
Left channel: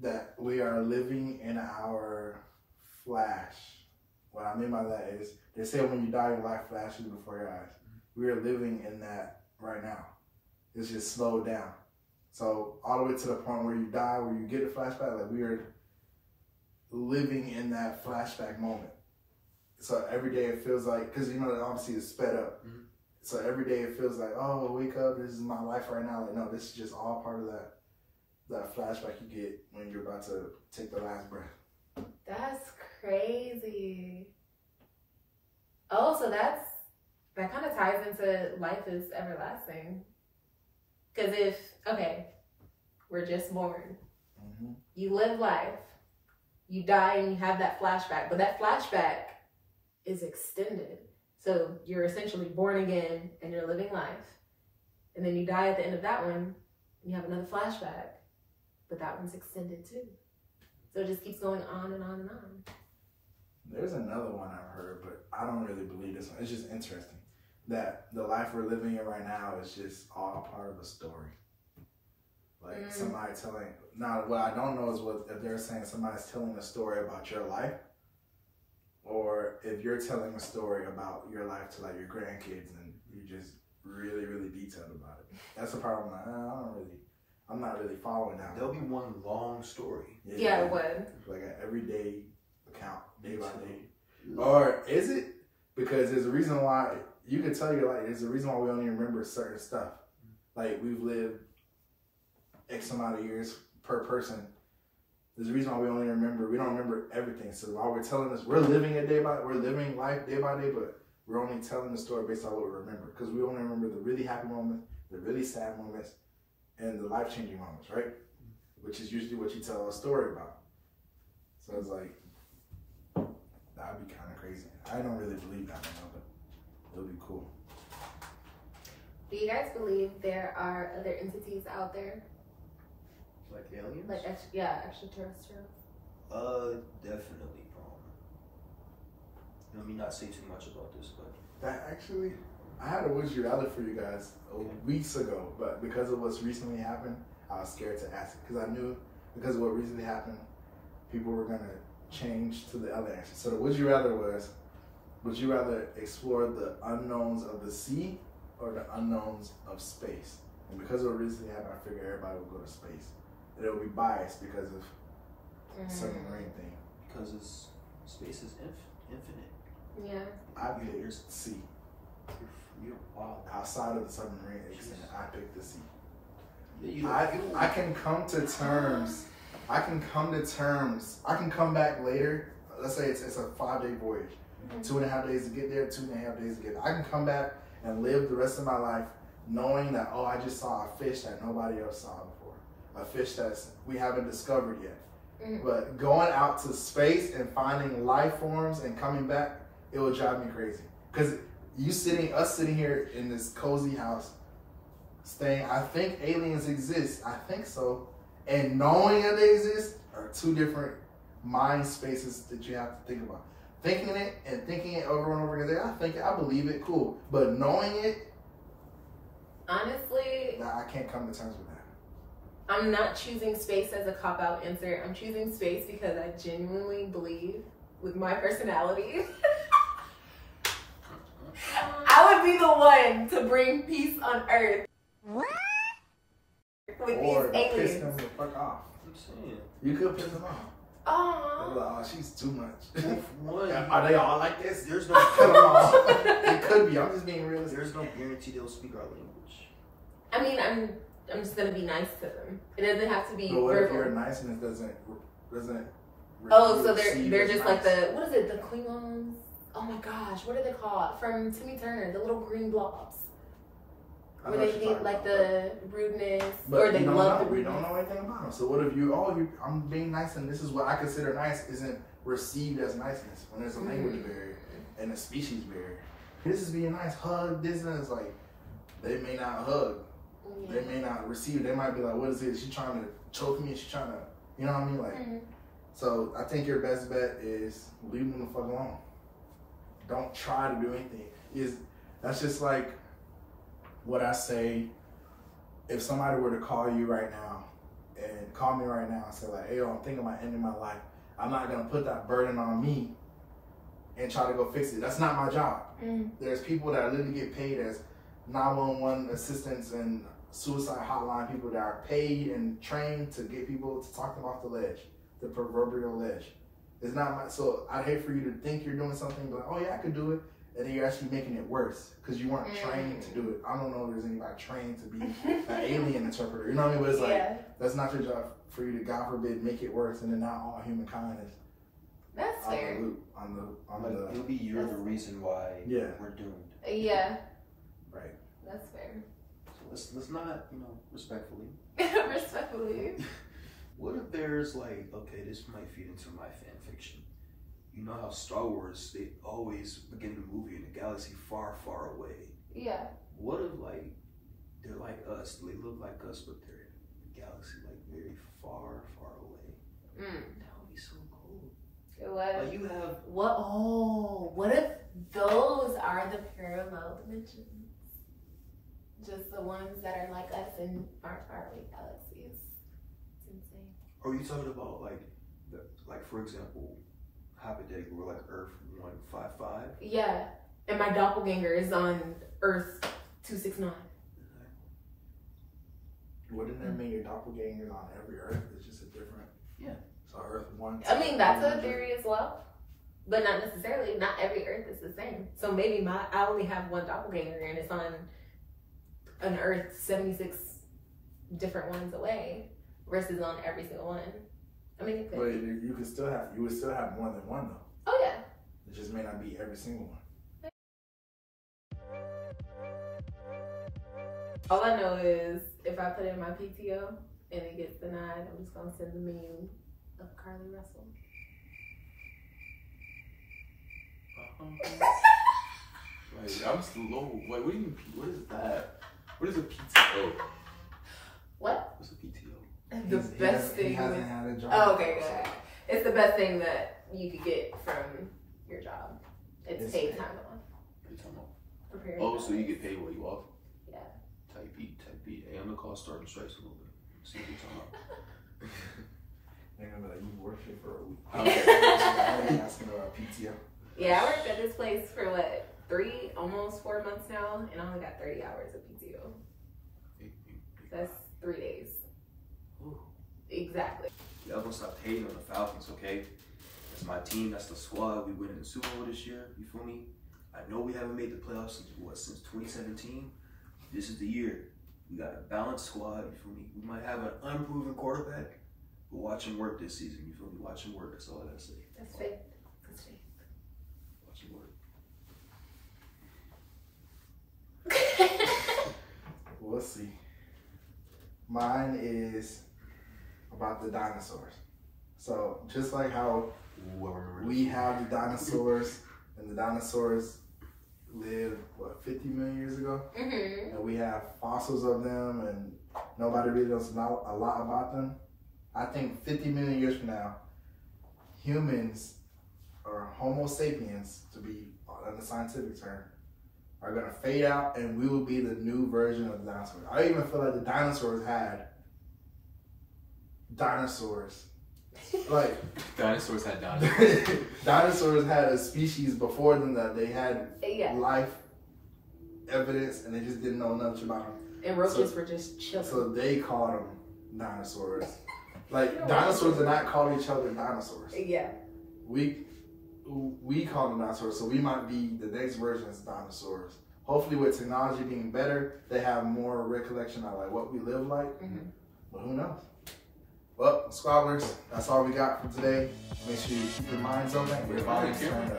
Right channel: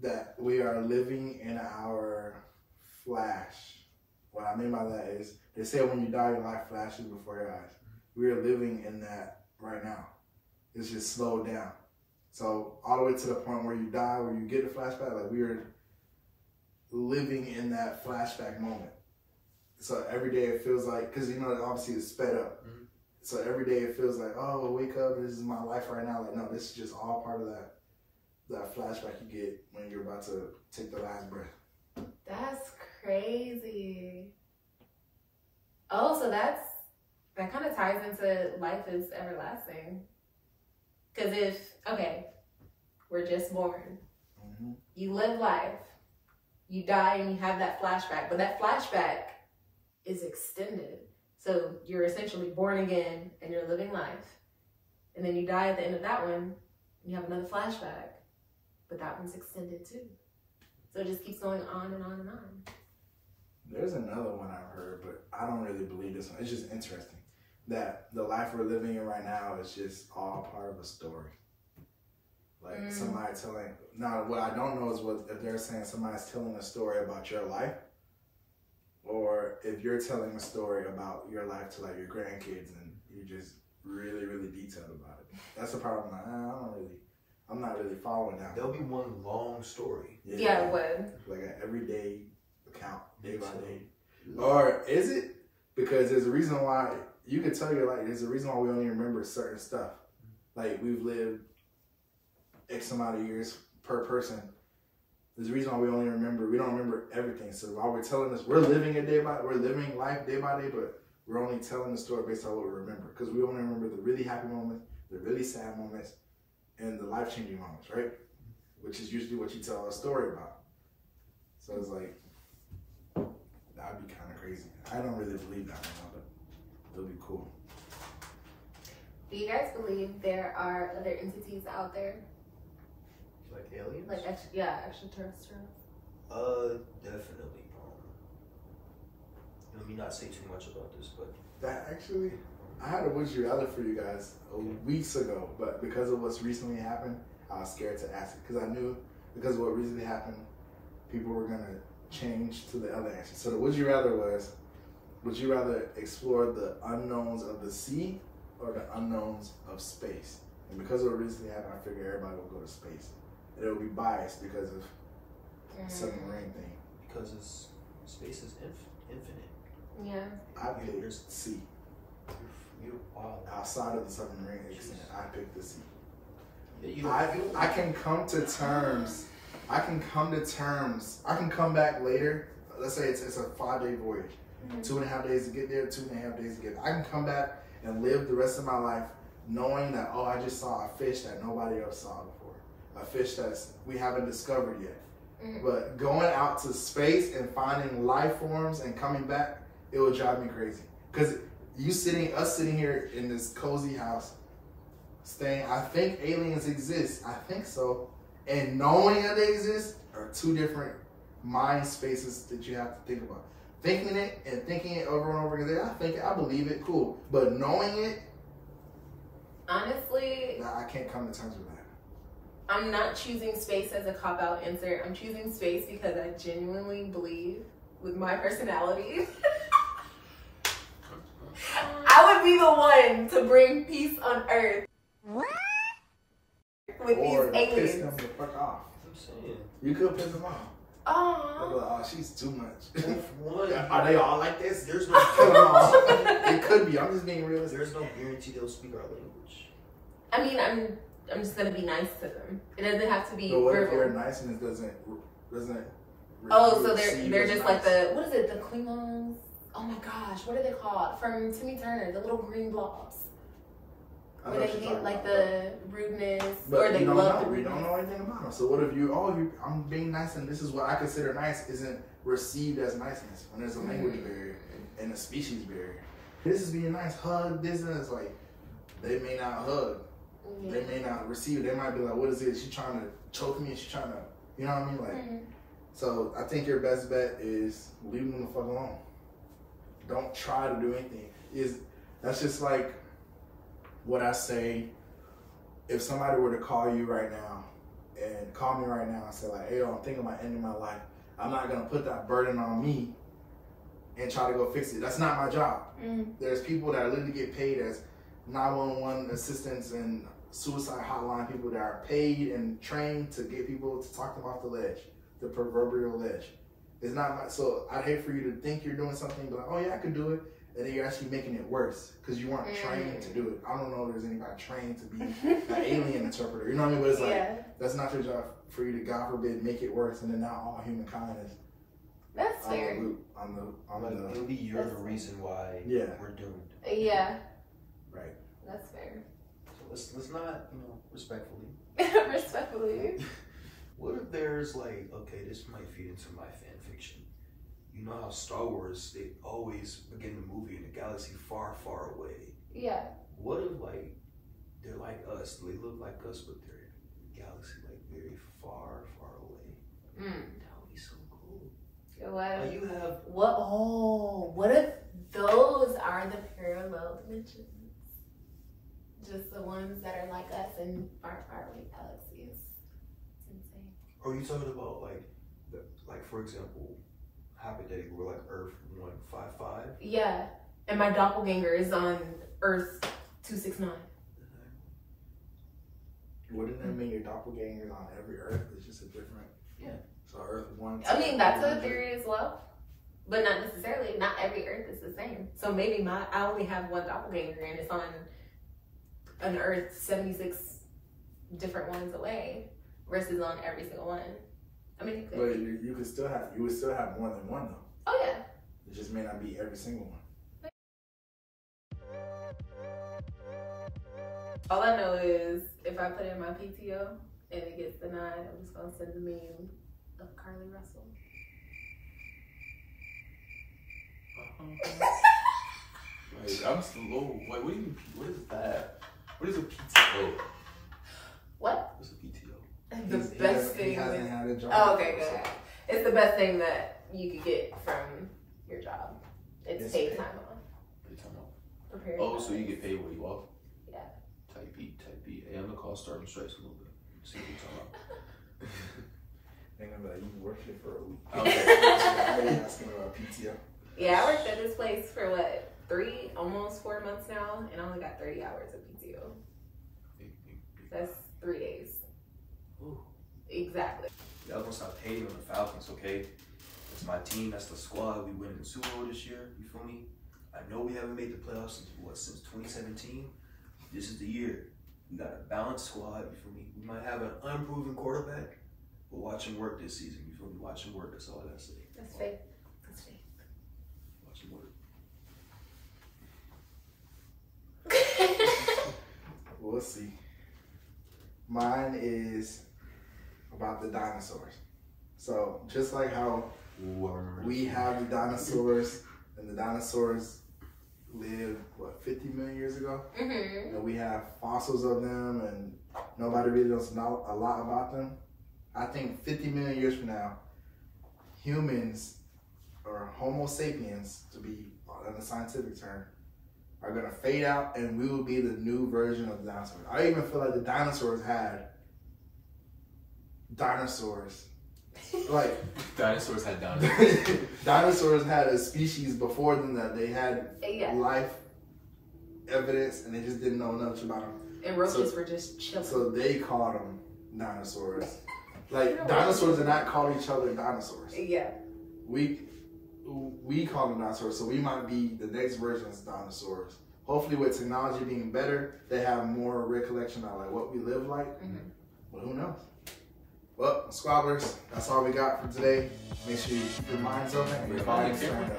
That we are living in our flash. What I mean by that is, they say when you die, your life flashes before your eyes. We are living in that right now. It's just slowed down. So all the way to the point where you die, where you get a flashback, like we are living in that flashback moment. So every day it feels like, because obviously it's sped up. So every day it feels like, oh, wake up, this is my life right now. Like, no, this is just all part of that flashback you get when you're about to take the last breath. That's crazy. Oh, so that kind of ties into life is everlasting. Because we're just born. You live life. You die and you have that flashback. But that flashback is extended. So you're essentially born again and you're living life. And then you die at the end of that one and you have another flashback. But that one's extended too. So it just keeps going on and on and on. There's another one I've heard, but I don't really believe this one. It's just interesting that the life we're living in right now is just all part of a story. Like somebody telling, now what I don't know is if they're saying somebody's telling a story about your life, or if you're telling a story about your life to like your grandkids and you're just really, really detailed about it. That's the problem. I'm not really following that. There'll be one long story. Yeah, it would. Like an everyday account, day by day. Or is it? Because there's a reason why, you can tell your life, there's a reason why we only remember certain stuff. Like we've lived X amount of years per person. There's a reason why we don't remember everything. So while we're telling us, we're living life day by day, but we're only telling the story based on what we remember. Because we only remember the really happy moments, the really sad moments, and the life-changing moments, right? Which is usually what you tell a story about. So it's like, that'd be kind of crazy. I don't really believe that now, but it would be cool. Do you guys believe there are other entities out there? Like aliens? Like, extraterrestrials? Definitely. Let me not say too much about this, but That actually, I had a would you rather for you guys weeks ago, but because of what's recently happened, I was scared to ask it because I knew because of what recently happened, people were gonna change to the other answer. So the would you rather was, would you rather explore the unknowns of the sea or the unknowns of space? And because of what recently happened, I figured everybody would go to space. And it would be biased because of submarine thing. because space is infinite. Yeah. I picked sea. You're wild. Outside of the submarine extent, I picked the sea. Yeah, I can come to terms. I can come back later. Let's say it's a 5-day voyage. 2.5 days to get there, 2.5 days to get there. I can come back and live the rest of my life knowing that, oh, I just saw a fish that nobody else saw before. A fish that we haven't discovered yet. But going out to space and finding life forms and coming back, it would drive me crazy. Because us sitting here in this cozy house, saying, I think aliens exist. I think so. And knowing that they exist are two different mind spaces that you have to think about. Thinking it and thinking it over and over again, I believe it, cool. But knowing it, honestly, I can't come to terms with that. I'm not choosing space as a cop-out answer. I'm choosing space because I genuinely believe, with my personality, I would be the one to bring peace on Earth. What? With Or these piss aliens. them the fuck off. I'm saying. You could piss them off. Oh. Like, oh, she's too much. One, Are they all like this? there's no Kill them all. It could be. I'm just being realistic. there's no guarantee they'll speak our language. I mean, I'm just gonna be nice to them. It doesn't have to be But what if verbal. your niceness doesn't? Oh, so they're receive just as like nice? what is it? The Klingons? Oh my gosh, what are they called? From Timmy Turner, the little green blobs. I Where know they what you're need talking like about, the rudeness, but or they we don't love know. the We rudeness. don't know anything about them. So what if I'm being nice and this is what I consider nice isn't received as niceness when there's a language barrier and a species barrier. This is being nice, hug, this and it's like they may not hug. Yeah. They may not receive it. They might be like, what is it? She trying to choke me? She trying to, you know what I mean? Like, so I think your best bet is leave them the fuck alone. Don't try to do anything. That's just like what I say. If somebody were to call you right now and call me right now and say like, hey, yo, I'm thinking about ending my life. I'm not gonna put that burden on me and try to go fix it. That's not my job. There's people that literally get paid as 911 assistants and suicide hotline people that are paid and trained to get people to talk them off the ledge, the proverbial ledge. It's not my, so I'd hate for you to think you're doing something, but oh yeah, I can do it, and then you're actually making it worse because you weren't trained to do it. I don't know if there's anybody trained to be an alien interpreter. You know what I mean? But it's like that's not your job for you to, God forbid, make it worse, and then now all humankind is That's fair. It'll be you're the reason why we're doomed. Yeah. Right. That's fair. So let's not, respectfully. Respectfully. What if there's like, okay, this might feed into my fan fiction. You know how Star Wars, they always begin the movie in a galaxy far, far away. Yeah. What if like they're like us, they look like us, but they're in a galaxy like very far, far away? That would be so cool. What? Like you have What if those are the parallel dimensions? Just the ones that are like us in far, far away galaxies. It's insane. Are you talking about like for example, hypothetically, we're like Earth 155? Yeah. And my doppelganger is on Earth 269. Wouldn't that mean your doppelganger is on every Earth? It's just a different. Yeah. So Earth 1. I mean, that's a theory as well. But not necessarily. Not every Earth is the same. So maybe I only have one doppelganger and it's on an Earth 76 different ones away versus on every single one. I mean, it could. But you would still have more than one though. Oh yeah. It just may not be every single one. All I know is if I put in my PTO and it gets denied, I'm just gonna send the meme of Carly Russell. Wait, I'm slow. Wait, what do you mean? What is that? What is a PTO? What? What's a PTO? The best thing. He hasn't had a job. Oh, okay, good. It's the best thing that you could get from your job. It's paid time off. Paid time off. Prepare Oh, so you get paid while you off? Yeah. Type B, type B. Hey, I'm gonna call starting strikes a little bit. See what you're talking about. And I'm like, you worked here for a week. Okay. I ain't asking about PTO. Yeah, I worked at this place for what, almost 4 months now, and I only got 30 hours of PTO. That's 3 days. Ooh. Exactly. Y'all gonna stop hating on the Falcons, okay? That's my team, that's the squad. We winning the Super Bowl this year, you feel me? I know we haven't made the playoffs since 2017. This is the year. We got a balanced squad, you feel me? We might have an unproven quarterback, but watch him work this season, you feel me? Watch him work, that's all I gotta say. That's faith. That's faith. Watch him work. We'll see. Mine is about the dinosaurs. So just like how Ooh, I remember we have the dinosaurs, and the dinosaurs lived, what, 50 million years ago? Mm-hmm. And we have fossils of them, and nobody really knows a lot about them. I think 50 million years from now, humans, or Homo sapiens, to be on the scientific term, are going to fade out, and we will be the new version of the dinosaurs. I even feel like the dinosaurs had dinosaurs. Like, dinosaurs had dinosaurs. dinosaurs had a species before them that they had Yeah. life evidence, and they just didn't know much about them. And roaches were just chilling. So they called them dinosaurs. Like, dinosaurs do not call each other dinosaurs. Yeah. We call them dinosaurs, so we might be the next version of dinosaurs. Hopefully, with technology being better, they have more recollection of like what we live like. Mm-hmm. But who knows? Well, Squabblers, that's all we got for today. Make sure you keep your minds open and your bodies turned up.